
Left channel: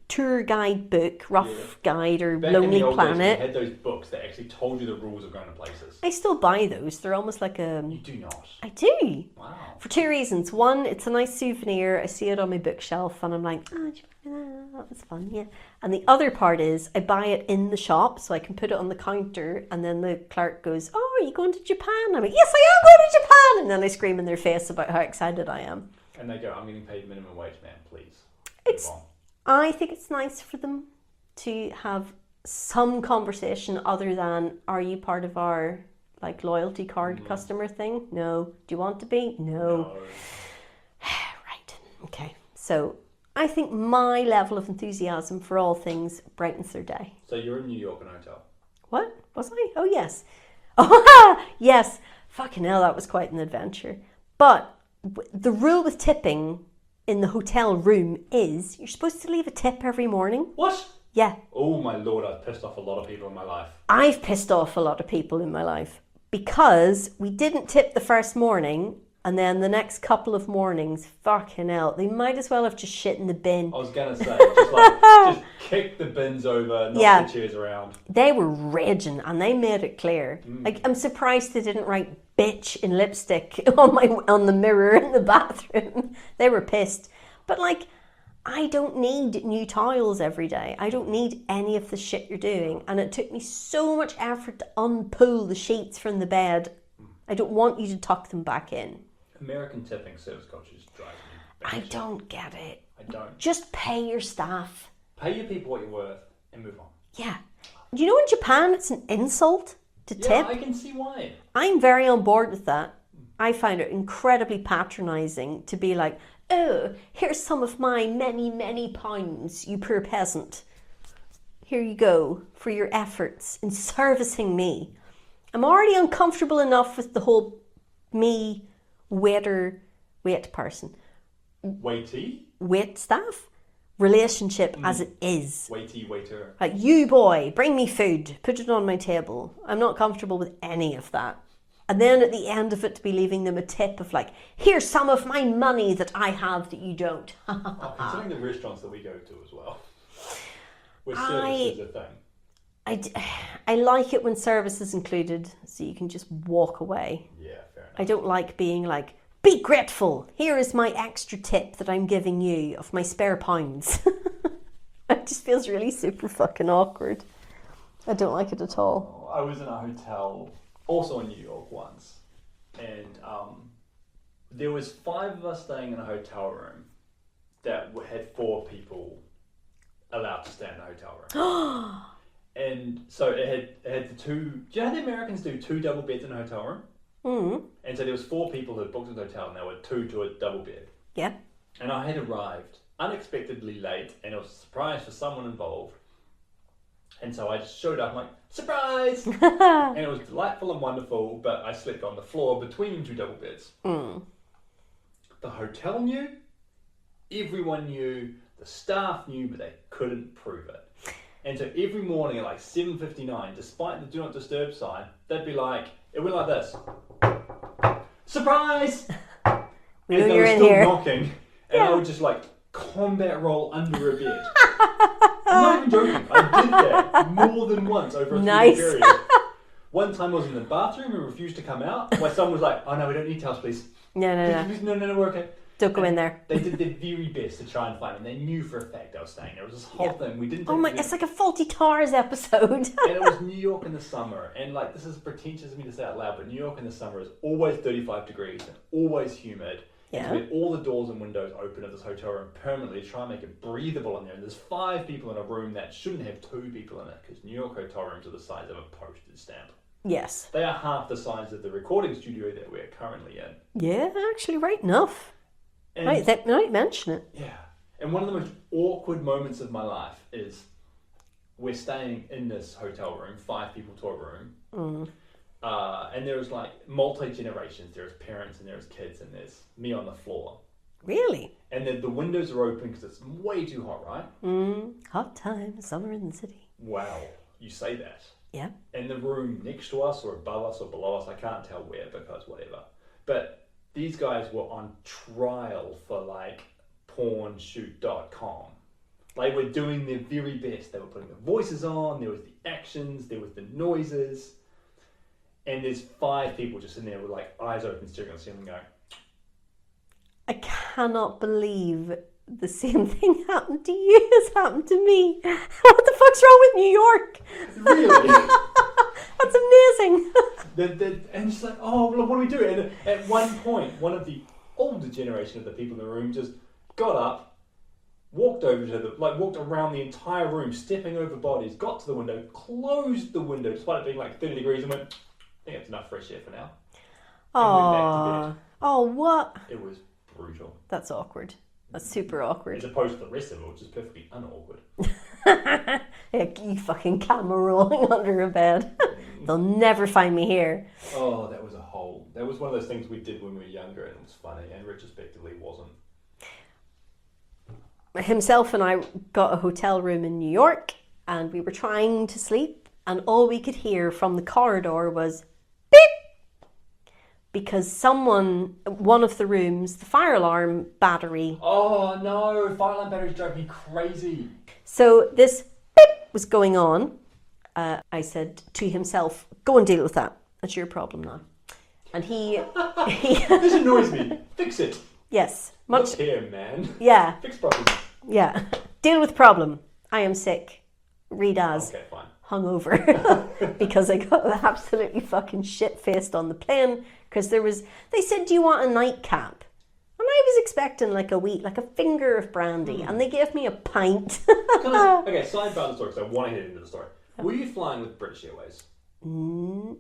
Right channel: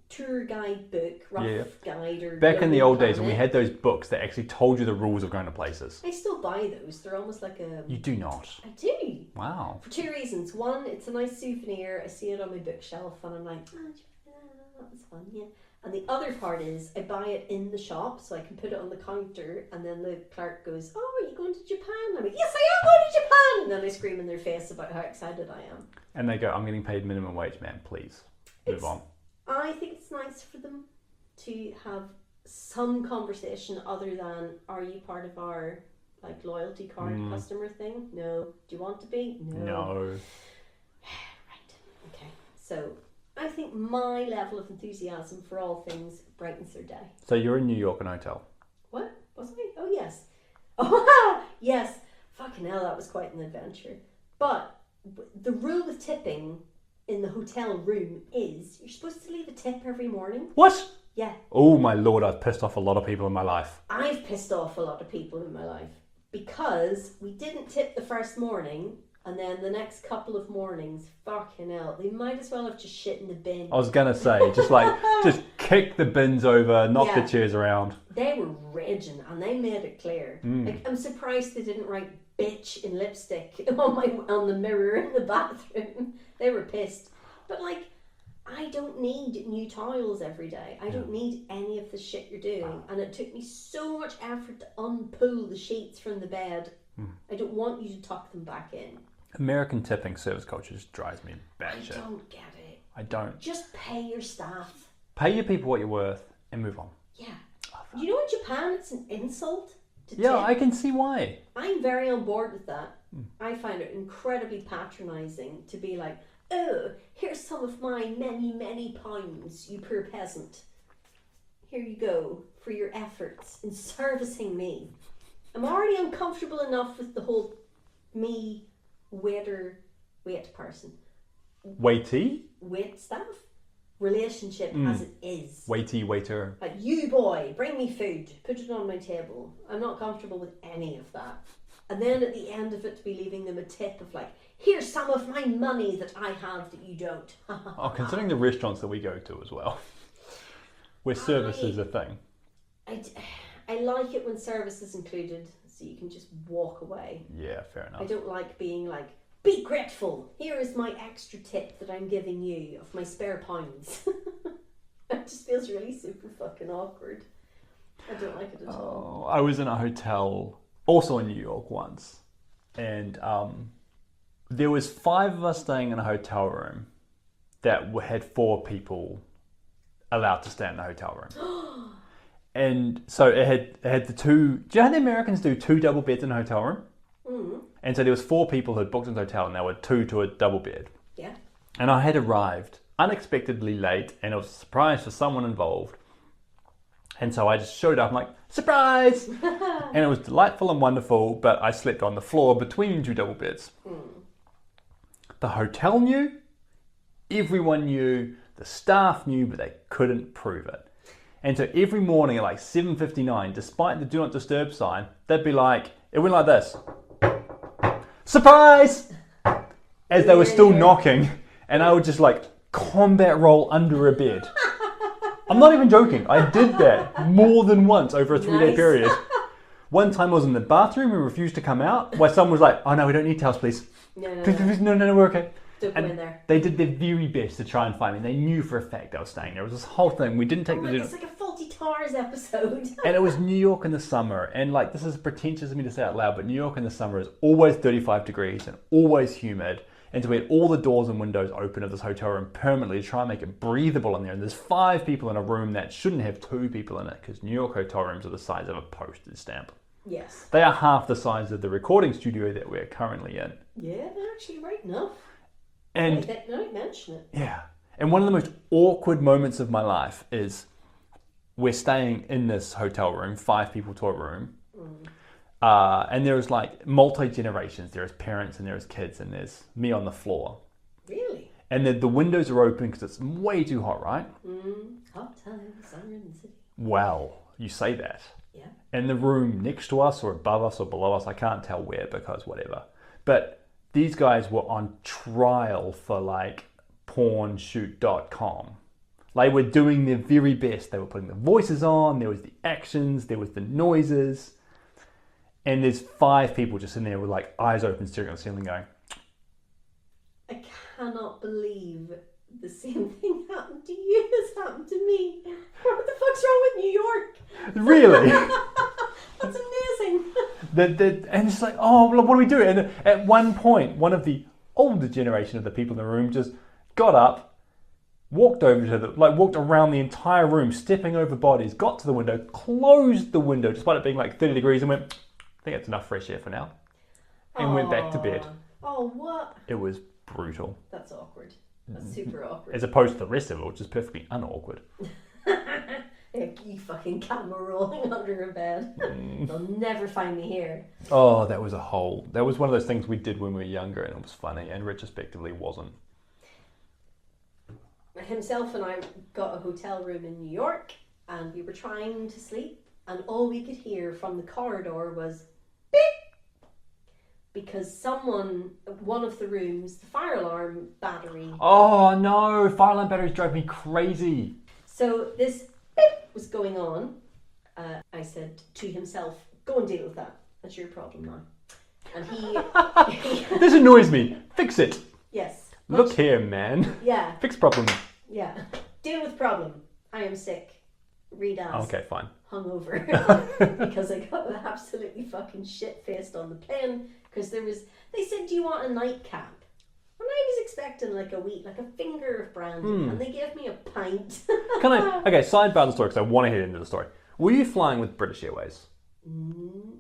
tour guide book, rough guide or Back Lonely in the old Planet. days, we had those books that actually told you the rules of going to places. I still buy those. They're almost like a... You do not? I do. Wow. For 2 reasons. One, it's a nice souvenir. I see it on my bookshelf and I'm like, that was fun, yeah. And the other part is I buy it in the shop so I can put it on the counter, and then the clerk goes, oh, are you going to Japan? I'm like, yes, I am going to Japan! And then I scream in their face about how excited I am. And they go, I'm getting paid minimum wage, man, please. Move on. I think it's nice for them to have some conversation other than, are you part of our loyalty card customer thing? No. Do you want to be? No. Right. Okay. So I think my level of enthusiasm for all things brightens their day. So you're in New York in a hotel? What? Was I? Oh, yes. Oh, yes. Fucking hell, that was quite an adventure. But the rule with tipping in the hotel room is you're supposed to leave a tip every morning. What? Yeah. Oh my lord, I've pissed off a lot of people in my life. I've pissed off a lot of people in my life because we didn't tip the first morning, and then the next couple of mornings, fucking hell, they might as well have just shit in the bin. I was gonna say, just kick the bins over, knock the chairs around. They were raging, and they made it clear. Like, I'm surprised they didn't write "bitch" in lipstick on the mirror in the bathroom. They were pissed. But like, I don't need new towels every day. I don't need any of the shit you're doing. And it took me so much effort to unpull the sheets from the bed. I don't want you to tuck them back in. American tipping service culture just drives me batshit. I don't get it. I don't. Just pay your staff. Pay your people what you're worth and move on. Yeah. You know, in Japan, it's an insult to tip. Yeah, I can see why. I'm very on board with that. I find it incredibly patronising to be like, oh, here's some of my many, many pounds, you poor peasant. Here you go for your efforts in servicing me. I'm already uncomfortable enough with the whole me, wait staff relationship as it is. Waiter. Like, you boy, bring me food, put it on my table. I'm not comfortable with any of that. And then at the end of it, to be leaving them a tip of like, here's some of my money that I have that you don't. Considering the restaurants that we go to as well, where service is a thing. I like it when service is included, so you can just walk away. Yeah, fair enough. I don't like being like, be grateful. Here is my extra tip that I'm giving you of my spare pounds. It just feels really super fucking awkward. I don't like it at all. I was in a hotel also in New York once, and there was 5 of us staying in a hotel room that had 4 people allowed to stay in the hotel room. And so it had the 2. Do you know how the Americans do 2 double beds in a hotel room? Mm. And so there was 4 people who had booked in the hotel, and there were 2 to a double bed. Yeah. And I had arrived unexpectedly late, and it was a surprise for someone involved. And so I just showed up, I'm like, surprise! And it was delightful and wonderful, but I slept on the floor between 2 double beds. Mm. The hotel knew, everyone knew, the staff knew, but they couldn't prove it. And so every morning at like 7:59, despite the do not disturb sign, they'd be like, it went like this. Surprise! As they were still knocking, and I would just like combat roll under a bed. I'm not even joking. I did that more than once over a 3-day period. One time I was in the bathroom and refused to come out, where someone was like, oh no, we don't need towels, please. No, we're okay. Don't go in there. They did their very best to try and find me. They knew for a fact I was staying there. It was this whole thing. We didn't take it's like a Faulty Towers episode. And it was New York in the summer. And like, this is pretentious of me to say out loud, but New York in the summer is always 35 degrees and always humid. And so we had all the doors and windows open of this hotel room permanently to try and make it breathable in there. And there's 5 people in a room that shouldn't have 2 people in it, because New York hotel rooms are the size of a postage stamp. Yes. They are half the size of the recording studio that we're currently in. Yeah, actually, right enough. And right, now you mention it. Yeah. And one of the most awkward moments of my life is we're staying in this hotel room, 5 people to a room. Mm. And there was like multi-generations. There's parents and there's kids and there's me on the floor. Really? And the windows are open because it's way too hot, right? Hot time, summer in the city. Wow, you say that. Yeah. And the room next to us or above us or below us, I can't tell where because whatever. But these guys were on trial for like pornshoot.com. They were doing their very best. They were putting the voices on, there was the actions, there was the noises. And there's 5 people just in there with like eyes open, staring at the ceiling going, I cannot believe the same thing happened to you as happened to me. What the fuck's wrong with New York? Really? That's amazing. And it's like, oh, well, what do we do? And at one point, one of the older generation of the people in the room just got up, walked over to walked around the entire room, stepping over bodies, got to the window, closed the window, despite it being like 30 degrees, and went, I think that's enough fresh air for now. And went back to bed. Oh, what? It was brutal. That's awkward. That's super awkward. As opposed to the rest of it, which is perfectly unawkward. You fucking camera rolling under a bed. They'll never find me here. Oh, that was one of those things we did when we were younger, and it was funny, and retrospectively wasn't. Himself and I got a hotel room in New York, and we were trying to sleep, and all we could hear from the corridor was beep, because one of the rooms, the fire alarm battery. Oh no, fire alarm batteries drive me crazy. So this beep was going on. I said to himself, go and deal with that. That's your problem now. And he This annoys me. Fix it. Yes. Look here, man. Yeah. Fix problems. Yeah. Deal with problem. I am sick. Read as. Okay, fine. Hungover. Because I got absolutely fucking shit-faced on the plane. Because they said, do you want a nightcap? And I was expecting like a finger of brandy. And they gave me a pint. Okay, sidebar the story because I want to hear into the story. Were you flying with British Airways? No.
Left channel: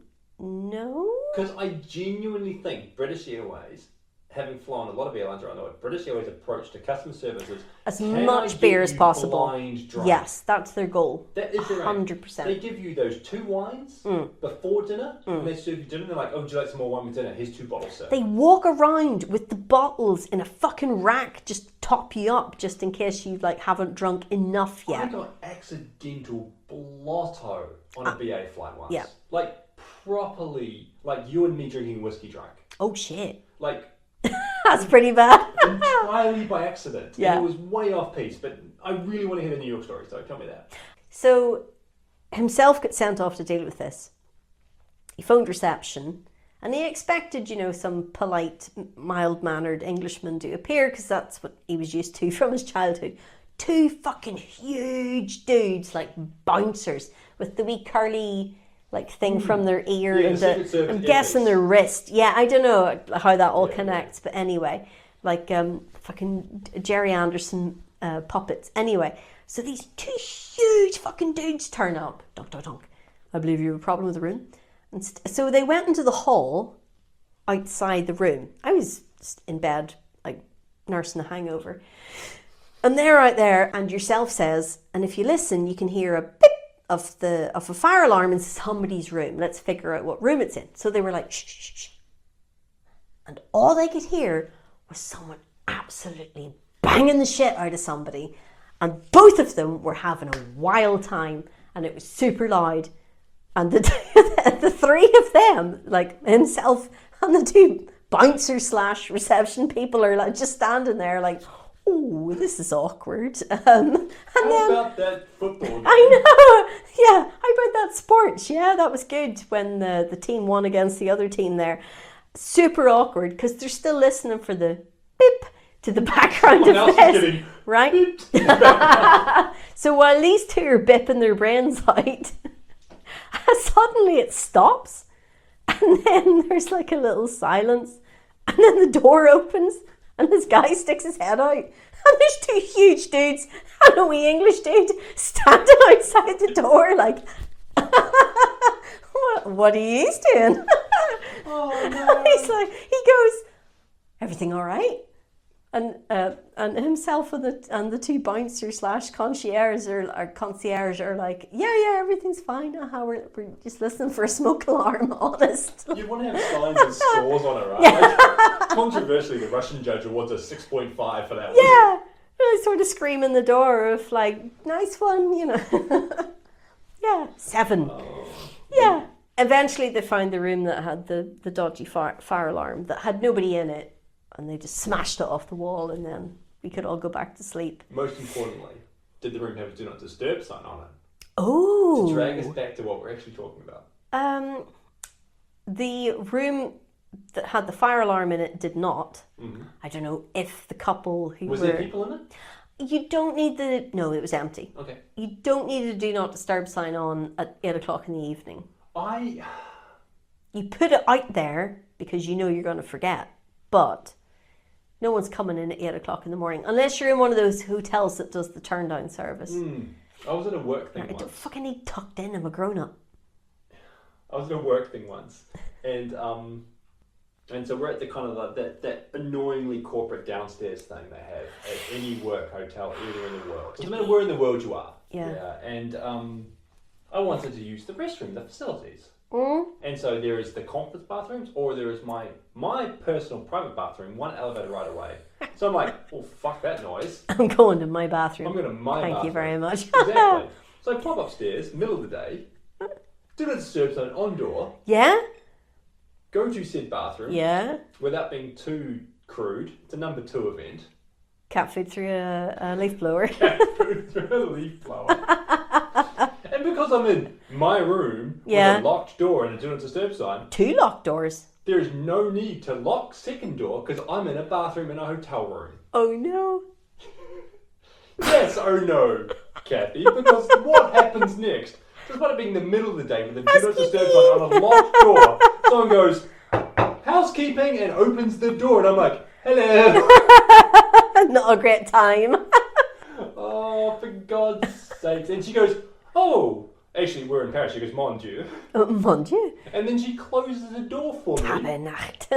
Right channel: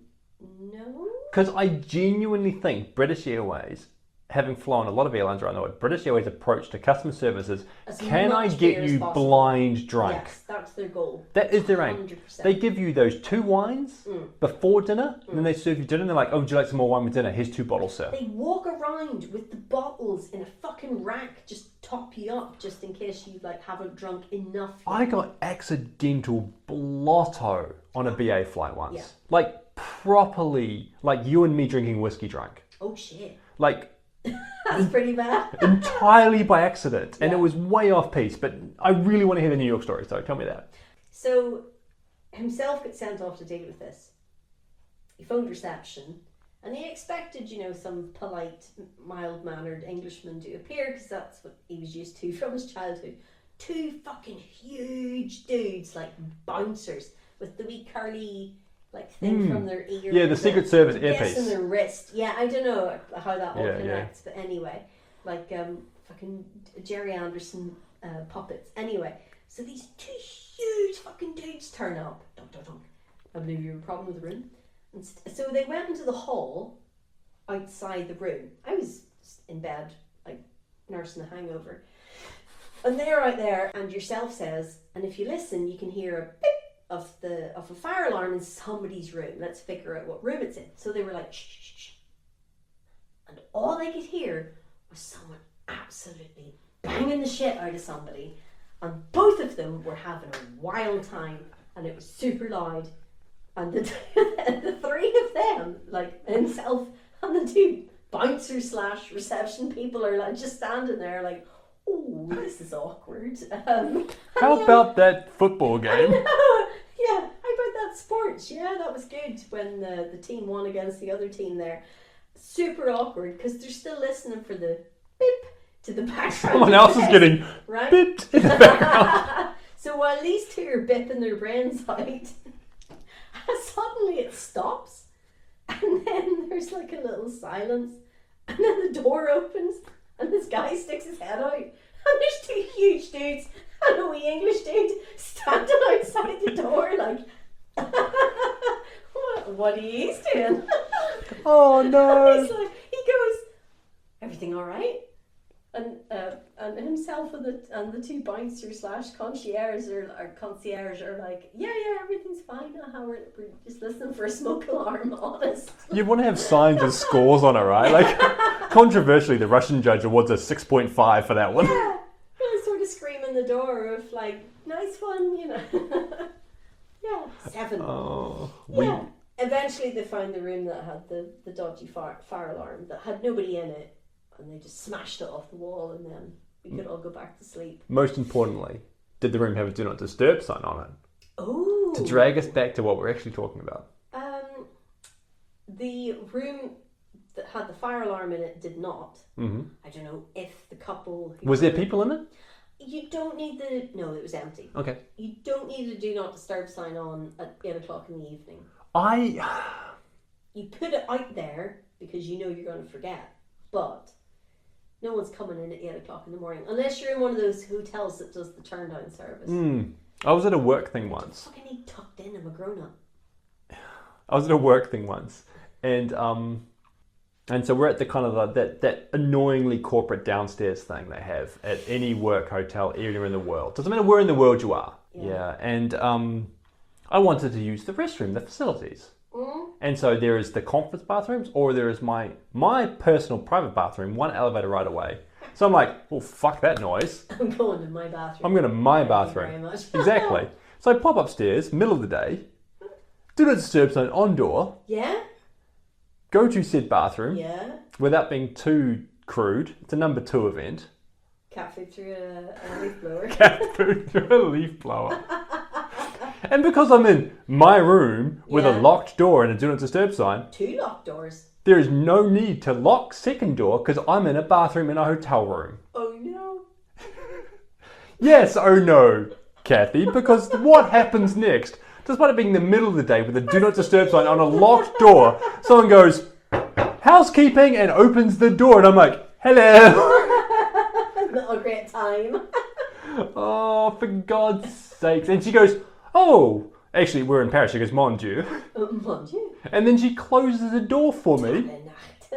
Because I genuinely think British Airways, having flown a lot of airlines around the world, British Airways' approach to customer service is, can I get you blind drunk? Yes, that's their goal. That is their aim. 100%. They give you those 2 wines before dinner, and then they serve you dinner, and they're like, oh, would you like some more wine with dinner? Here's 2 bottles, sir. They walk around with the bottles in a fucking rack, just top you up, just in case you haven't drunk enough yet. I got accidental blotto on a BA flight once. Yeah. Properly, you and me drinking whiskey drunk. Oh shit. That's pretty bad. Entirely by accident. Yeah. And it was way off piece, but I really want to hear the New York story, so tell me that. So, himself got sent off to deal with this. He phoned reception, and he expected, some polite, mild-mannered Englishman to appear, because that's what he was used to from his childhood. 2 fucking huge dudes, bouncers, with the wee curly thing from their ear. Yeah, the Secret Service I'm guessing their wrist. Yeah, I don't know how that all connects, but anyway, fucking Jerry Anderson puppets. Anyway, so these 2 huge fucking dudes turn up. Dunk, dunk, dunk. I believe you have a problem with the room. And so they went into the hall outside the room. I was just in bed, nursing a hangover. And they're out there, and yourself says, and if you listen, you can hear a beep of a fire alarm in somebody's room. Let's figure out what room it's in. So they were like, shh, shh, shh. And all they could hear was someone absolutely banging the shit out of somebody. And both of them were having a wild time, and it was super loud. And the 3 of them, himself and the 2 bouncer/reception people are just standing there oh, this is awkward. How about that football game? I know. Yeah, how about that sports? Yeah, that was good when the team won against the other team there. Super awkward because they're still listening for the beep to the background. Someone else is getting right. Beeped in the background. So while these 2 are bipping their brains out, suddenly it stops, and then there's a little silence, and then the door opens. And this guy sticks his head out, and there's 2 huge dudes and a wee English dude standing outside the door what are you doing? Oh no. He goes, everything all right? And himself and the 2 bouncers/concierge are like, yeah, everything's fine. We're just listening for a smoke alarm, honest. You want to have signs with scores on it, right? Controversially, the Russian judge awards a 6.5 for that one. Yeah, really sort of screaming the door of nice one, Yeah, 7. Oh, yeah. Eventually, they found the room that had the dodgy fire alarm that had nobody in it. And they just smashed it off the wall, and then we could all go back to sleep. Most importantly, did the room have a do not disturb sign on it? Oh. To drag us back to what we're actually talking about. The room that had the fire alarm in it did not. Mm-hmm. I don't know if the couple who Was there people in it? You don't need no, it was empty. Okay. You don't need a do not disturb sign on at 8 o'clock in the evening. You put it out there because you know you're going to forget, but no one's coming in at 8 o'clock in the morning unless you're in one of those hotels that does the turn down service. I was at a work thing I once. don't fucking need tucked in. I'm a grown up. I was at a work thing once, and And so we're at the kind of that annoyingly corporate downstairs thing they have at any work hotel anywhere in the world. Doesn't matter where in the world you are. Yeah. And I wanted to use the restroom, the facilities. And so there is the conference bathrooms, or there is my personal private bathroom, one elevator right away. So I'm like, well, fuck that noise. I'm going to my bathroom. I'm going to my bathroom. Thank you very much. Exactly. So I pop upstairs, middle of the day, do not disturb sign on door. Yeah? Go to said bathroom. Yeah. Without being too crude. It's a number 2 event. Cat food through a leaf blower. Cat food through a leaf blower. And because I'm in my room with a locked door and a do not disturb sign. 2 locked doors. There is no need to lock second door because I'm in a bathroom in a hotel room. Oh no. Yes, oh no, Cathy, because what happens next? Despite it being the middle of the day with a do not disturb sign on a locked door, someone goes, housekeeping, and opens the door, and I'm like, hello. Not a great time. Oh, for God's sakes. And she goes, oh, actually, we're in Paris. She goes, mon Dieu. Mon Dieu. And then she closes the door for me. Tabernacht.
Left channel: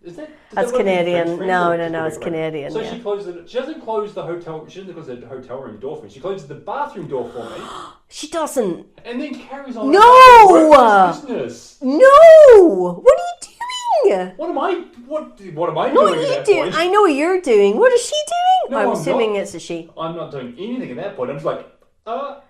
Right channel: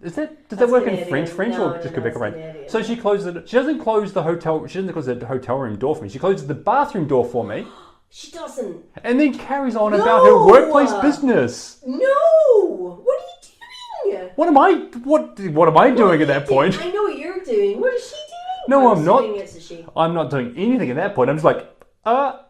Does that That's work Canadian. in French? No, French, it's Canadian. So she closes it. She doesn't close the hotel. She doesn't close the hotel room door for me. She closes the bathroom door for me. She doesn't. And then carries on about her workplace business. No. What are you doing? What am I doing at that point? I know what you're doing. What is she doing? No, I'm I'm not. assuming it's a she. I'm not doing anything at that point. I'm just like, well,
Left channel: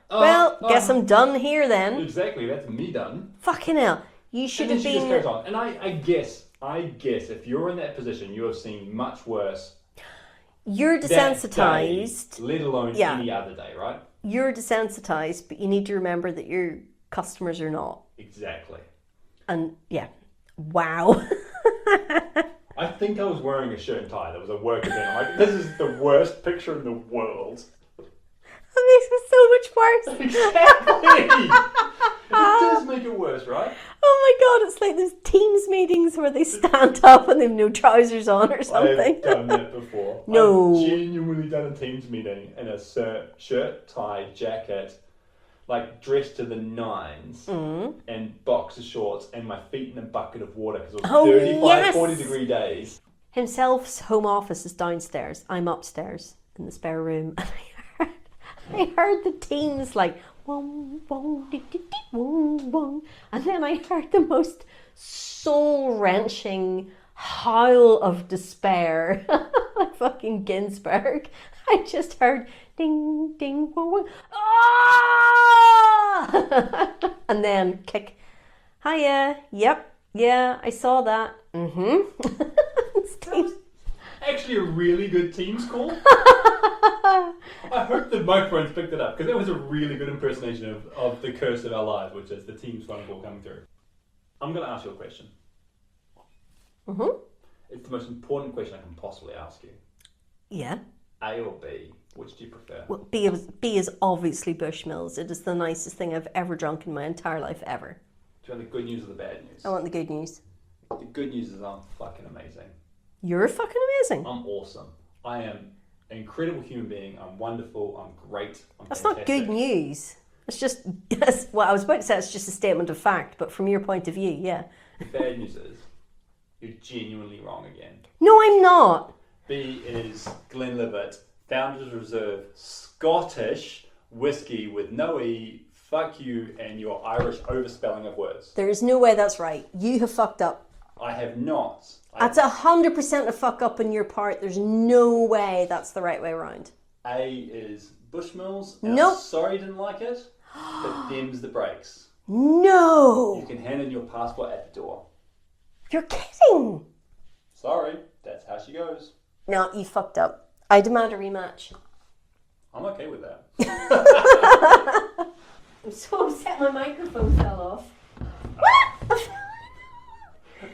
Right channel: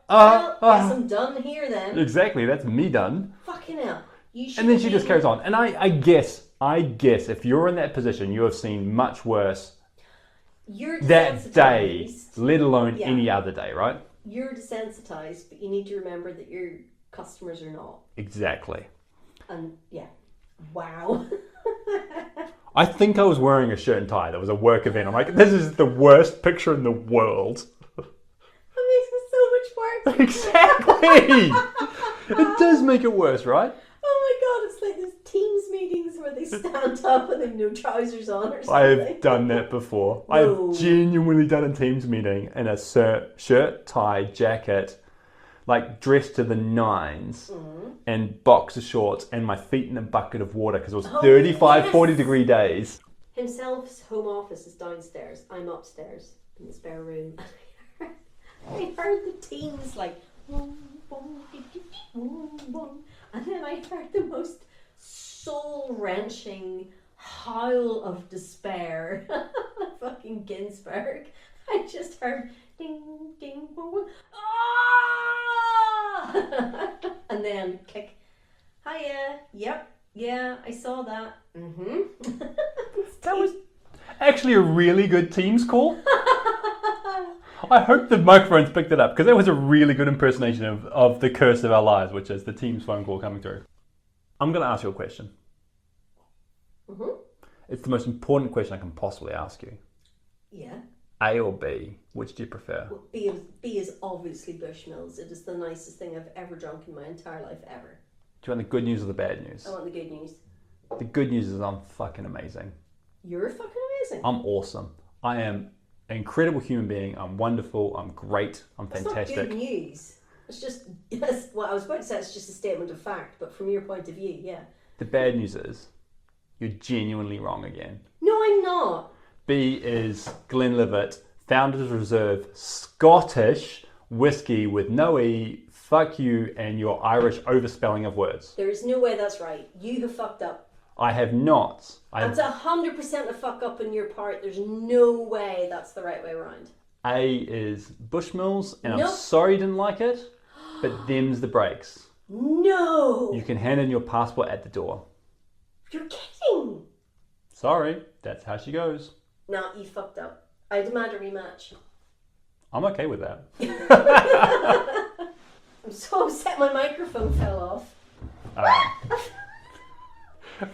guess I'm done here then. Exactly, that's me done. Fucking hell. You should. And then she just carries on. And I guess if you're in that position, you have seen much worse. You're desensitized. desensitized. That day, let alone any other day, right? You're desensitized, but you need to remember that your customers are not. Exactly. And yeah. Wow. I think I was wearing a shirt and tie. There was a work event. I'm like, this is the worst picture in the world. That makes it so much worse. Exactly. It does make it worse, right? Oh my god, it's like those Teams meetings where they stand up and they've no trousers on or something. I've done that before. No. I've genuinely done a Teams meeting in a shirt, tie, jacket, like dressed to the nines, and boxer shorts, and my feet in a bucket of water because it was 35, 40 degree days. Himself's home office is downstairs. I'm upstairs in the spare room. And I heard the Teams like, wong, wong, dee, dee, dee, wong, wong. And then I heard the most soul-wrenching howl of despair. Like fucking Ginsberg. I just heard ding, ding, wong, wong. Ah! And then kick. Hiya. Yep. Yeah, I saw that. That was actually a really good Teams call. I hope the microphones picked it up because that was a really good impersonation of the curse of our lives, which is the Teams phone call coming through. I'm going to ask you a question. It's the most important question I can possibly ask you. Yeah. A or B? Which do you prefer? Well, B is obviously Bushmills. It is the nicest thing I've ever drunk in my entire life ever. Do you want the good news or the bad news? I want the good news. The good news is I'm fucking amazing. You're fucking amazing. I'm awesome. I am an incredible human being. I'm wonderful. I'm great. I'm fantastic. That's not good news. It's just, well, I was about to say it's just a statement of fact, but from your point of view, yeah. The bad news is you're genuinely wrong again. No, I'm not. B is Glenlivet Founders Reserve Scottish whiskey with no E, fuck you, and your Irish overspelling of words. There is no way that's right. You have fucked up. I have not. That's 100% a fuck up on your part. There's no way that's the right way around. A is Bushmills, and Nope. I'm sorry you didn't like it, but them's the breaks. No! You can hand in your passport at the door. You're kidding! Sorry, that's how she goes. No, you fucked up. I demand a rematch. I'm okay with that. I'm so upset my microphone fell off.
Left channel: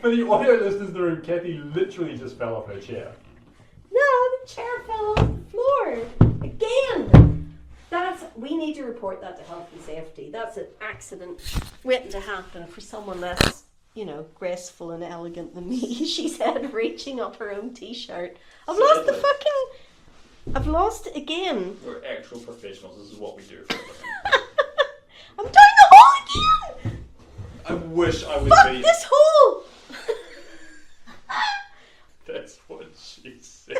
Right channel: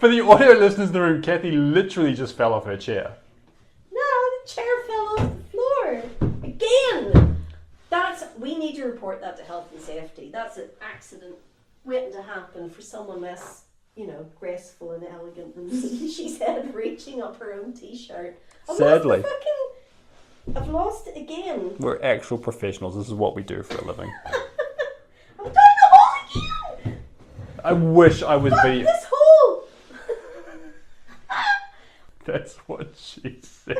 For the audio listeners in the room, Cathy literally just fell off her chair. No, the chair fell off the floor. Again! We need to report that to health and safety. That's an accident waiting to happen for someone less, graceful and elegant than me. She said, reaching up her own t-shirt. Sadly. I've lost it again. We're actual professionals. This is what we do for a living. I'm doing the hole again! I wish I was Fuck this hole! That's what she said.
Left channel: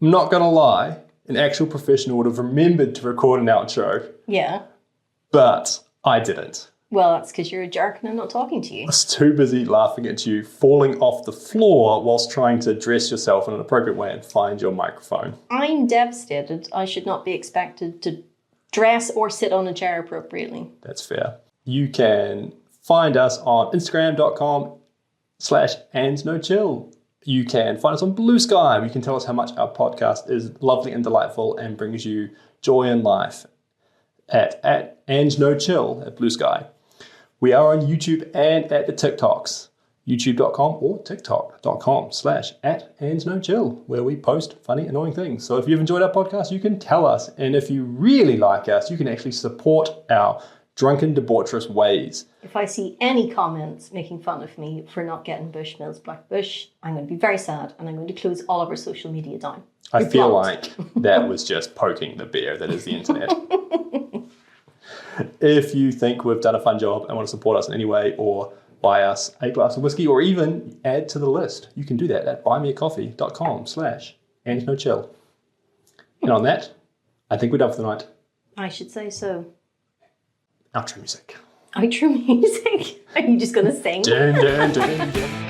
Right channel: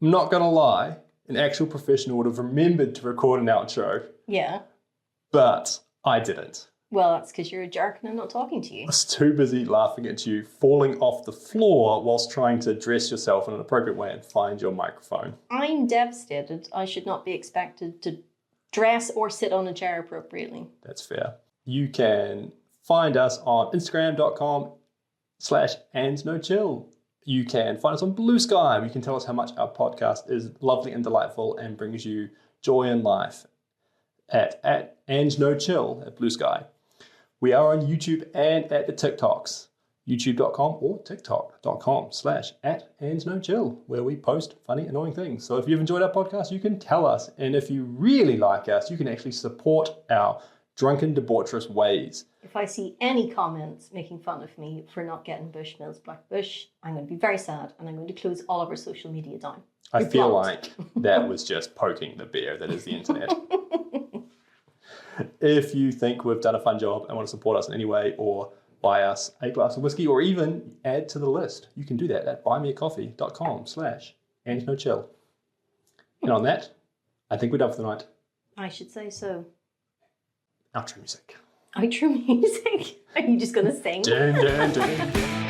I'm not going to lie, an actual professional would have remembered to record an outro, Yeah. but I didn't. Well, that's because you're a jerk and I'm not talking to you. I was too busy laughing at you falling off the floor whilst trying to dress yourself in an appropriate way and find your microphone. I'm devastated. I should not be expected to dress or sit on a chair appropriately. That's fair. You can find us on Instagram.com/andsnochill. You can find us on Blue Sky, where you can tell us how much our podcast is lovely and delightful and brings you joy in life at andsnochill at Blue Sky. We are on YouTube and at the TikToks, youtube.com or tiktok.com/@andsnochill, where we post funny, annoying things. So if you've enjoyed our podcast, you can tell us. And if you really like us, you can actually support our drunken, debaucherous ways. If I see any comments making fun of me for not getting Bushmills Black Bush, I'm going to be very sad and I'm going to close all of our social media down. I feel like that was just poking the bear that is the internet. If you think we've done a fun job and want to support us in any way or buy us a glass of whiskey or even add to the list, you can do that at buymeacoffee.com/andsnochill. And on that, I think we're done for the night. I should say so. Outro music. Outro music? Are you just going to sing? Dun, dun, dun, dun.